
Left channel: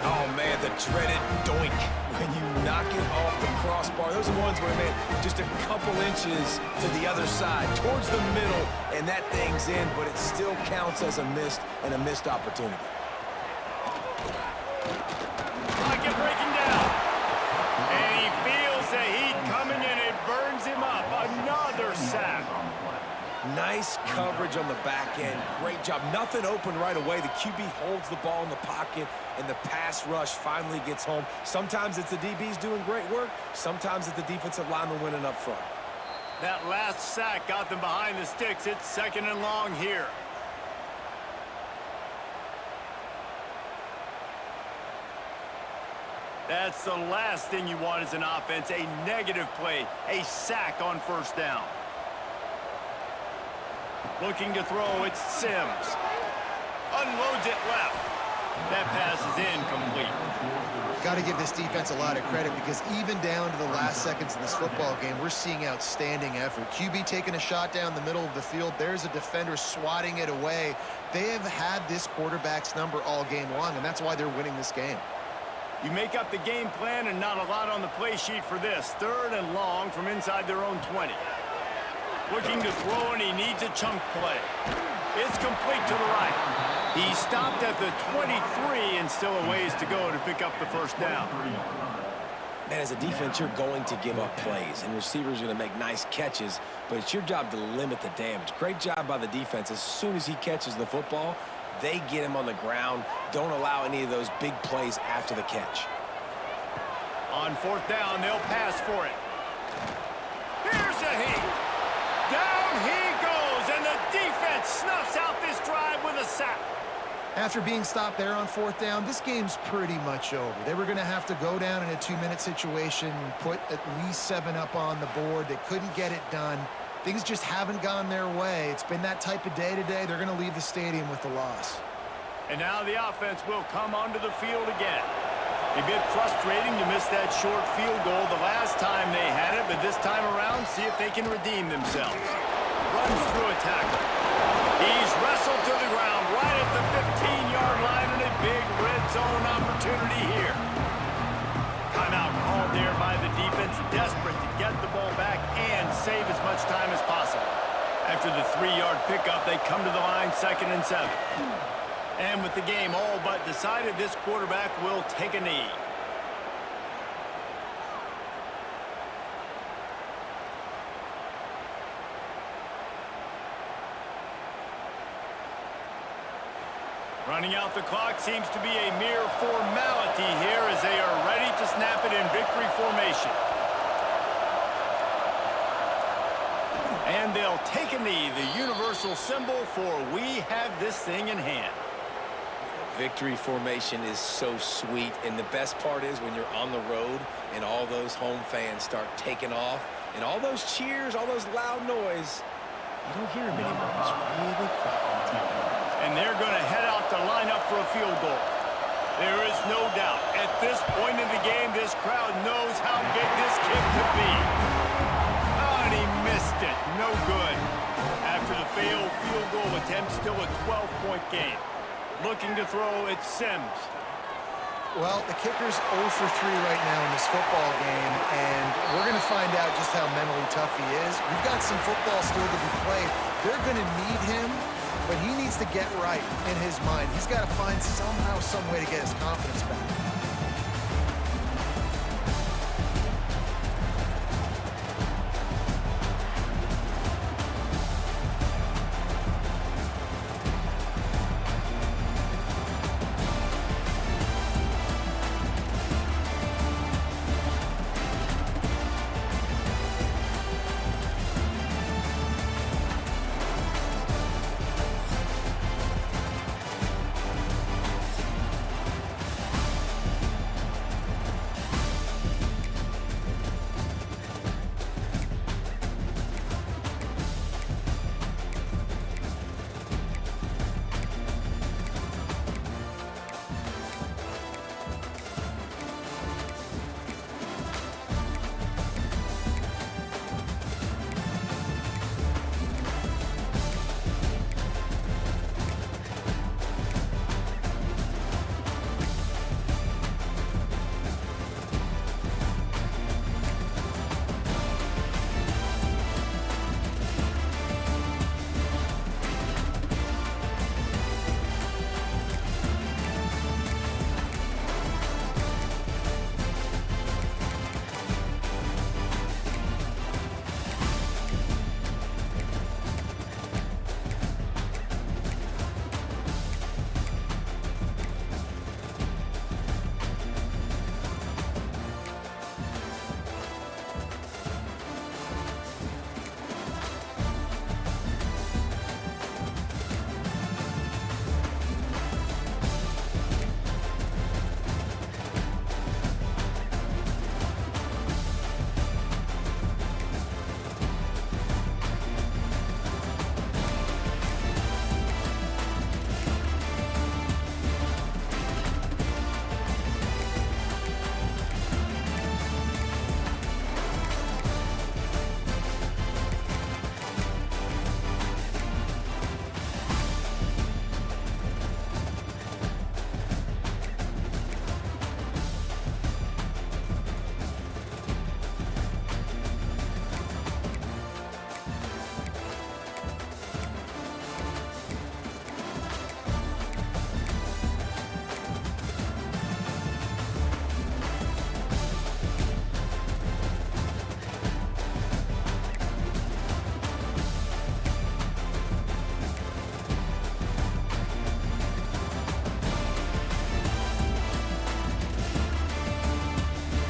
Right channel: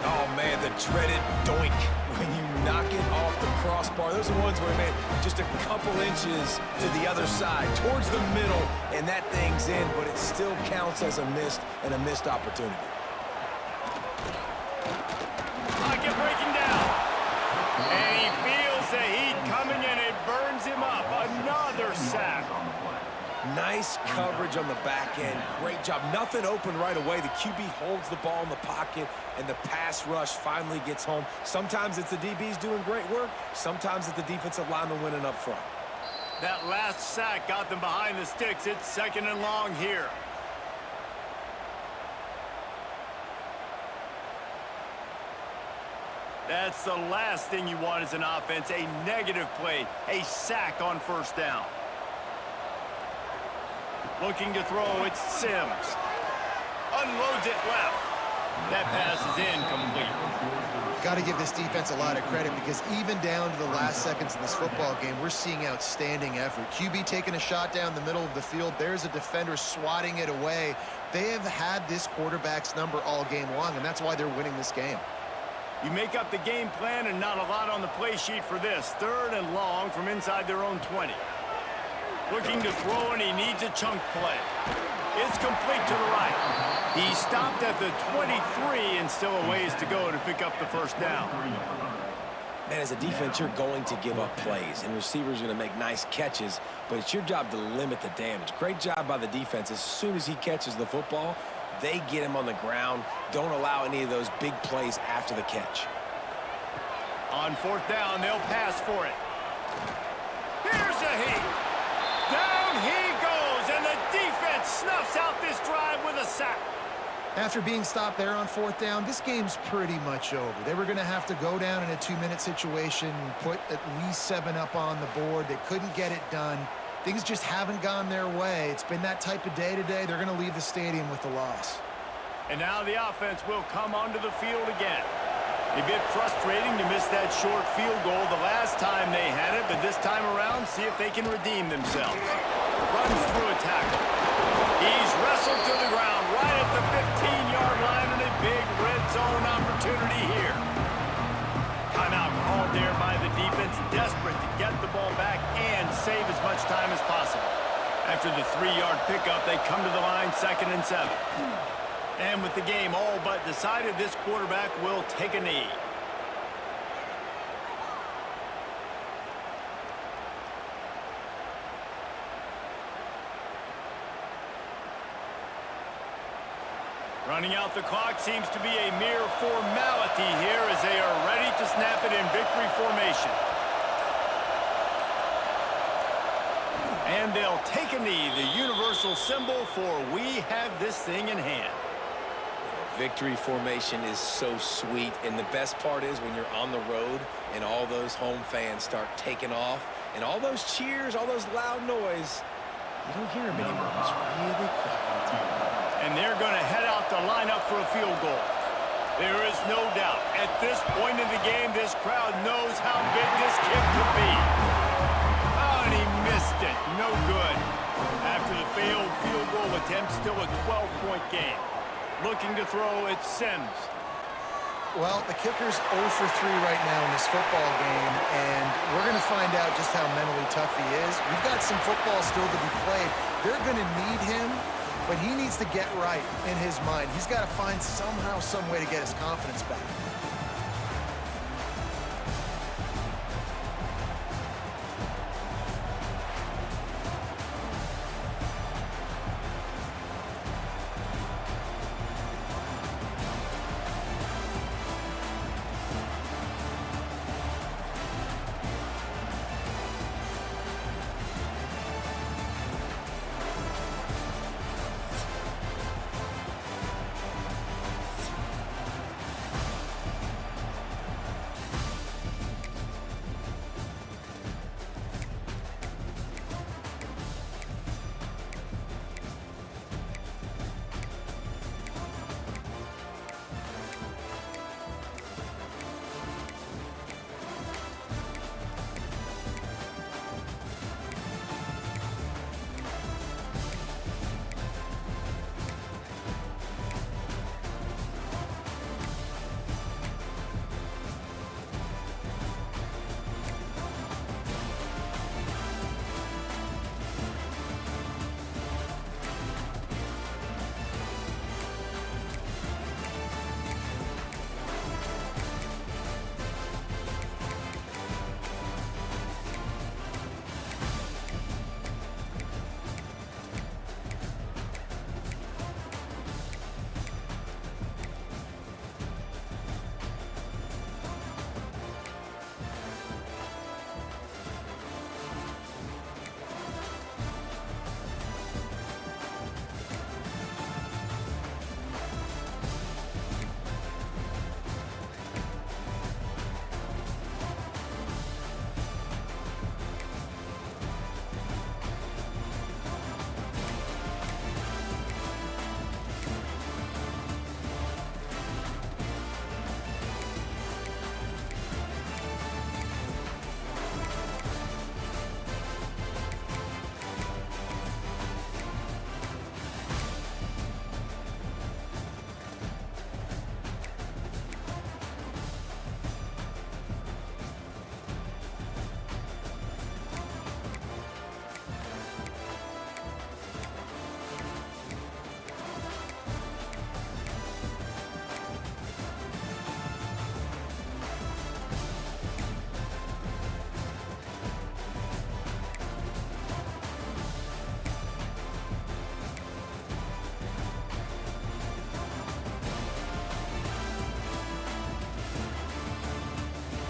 Oh, man, the dreaded doink when you knock it off the crossbar. Those are ones where, man, just a couple inches to the other side, towards the middle, and that thing's in, but it still counts as a missed opportunity. Pocket breaking down. And he feels the heat coming, and it burns him up. Another sack. Nice coverage on the back end. Great job. Nothing open right away. The QB holds the ball in the pocket, and the pass rush finally gets home. Sometimes it's the DBs doing great work. Sometimes it's the defensive lineman winning up front. That last sack got them behind the sticks. It's 2nd and long here. That's the last thing you want as an offense, a negative play, a sack on 1st down. Looking to throw, it's Sims. Unloads it left. That pass is incomplete. Got to give this defense a lot of credit because even down to the last seconds of this football game, we're seeing outstanding effort. QB taking a shot down the middle of the field. There's a defender swatting it away. They have had this quarterback's number all game long, and that's why they're winning this game. You make up the game plan and not a lot on the play sheet for this. 3rd and long from inside their own 20. Looking to throw, and he needs a chunk play. It's complete to the right. He stopped at the 23 and still a ways to go to pick up the 1st down. Man, as a defense, you're going to give up plays, and receivers are going to make nice catches, but it's your job to limit the damage. Great job by the defense. As soon as he catches the football, they get him on the ground. Don't allow any of those big plays after the catch. On 4th down, they'll pass for it. Here's a heat. Down he goes, and the defense snuffs out this drive with a sack. After being stopped there on 4th down, this game's pretty much over. They were going to have to go down in a 2-minute situation, put at least 7 up on the board. They couldn't get it done. Things just haven't gone their way. It's been that type of day today. They're going to leave the stadium with the loss. And now the offense will come onto the field again. A bit frustrating to miss that short field goal the last time they had it, but this time around, see if they can redeem themselves. Runs through a tackle. He's wrestled to the ground right at the 15-yard line, and a big red zone opportunity here. Timeout called there by the defense, desperate to get the ball back and save as much time as possible. After the 3-yard pickup, they come to the line 2nd and 7. And with the game all but decided, this quarterback will take a knee. Running out the clock seems to be a mere formality here as they are ready to snap it in victory formation. And they'll take a knee, the universal symbol for we have this thing in hand. Victory formation is so sweet, and the best part is when you're on the road and all those home fans start taking off, and all those cheers, all those loud noise, you don't hear them anymore. It's really quiet. And they're going to head out to line up for a field goal. There is no doubt, at this point in the game, this crowd knows how big this kick could be. Oh, and he missed it. No good. After the failed field goal attempt, still a 12-point game. Looking to throw, it's Sims. Well, the kicker's 0 for 3 right now in this football game, and we're going to find out just how mentally tough he is. We've got some football still to be played. They're going to need him, but he needs to get right in his mind. He's got to find somehow, some way to get his confidence back.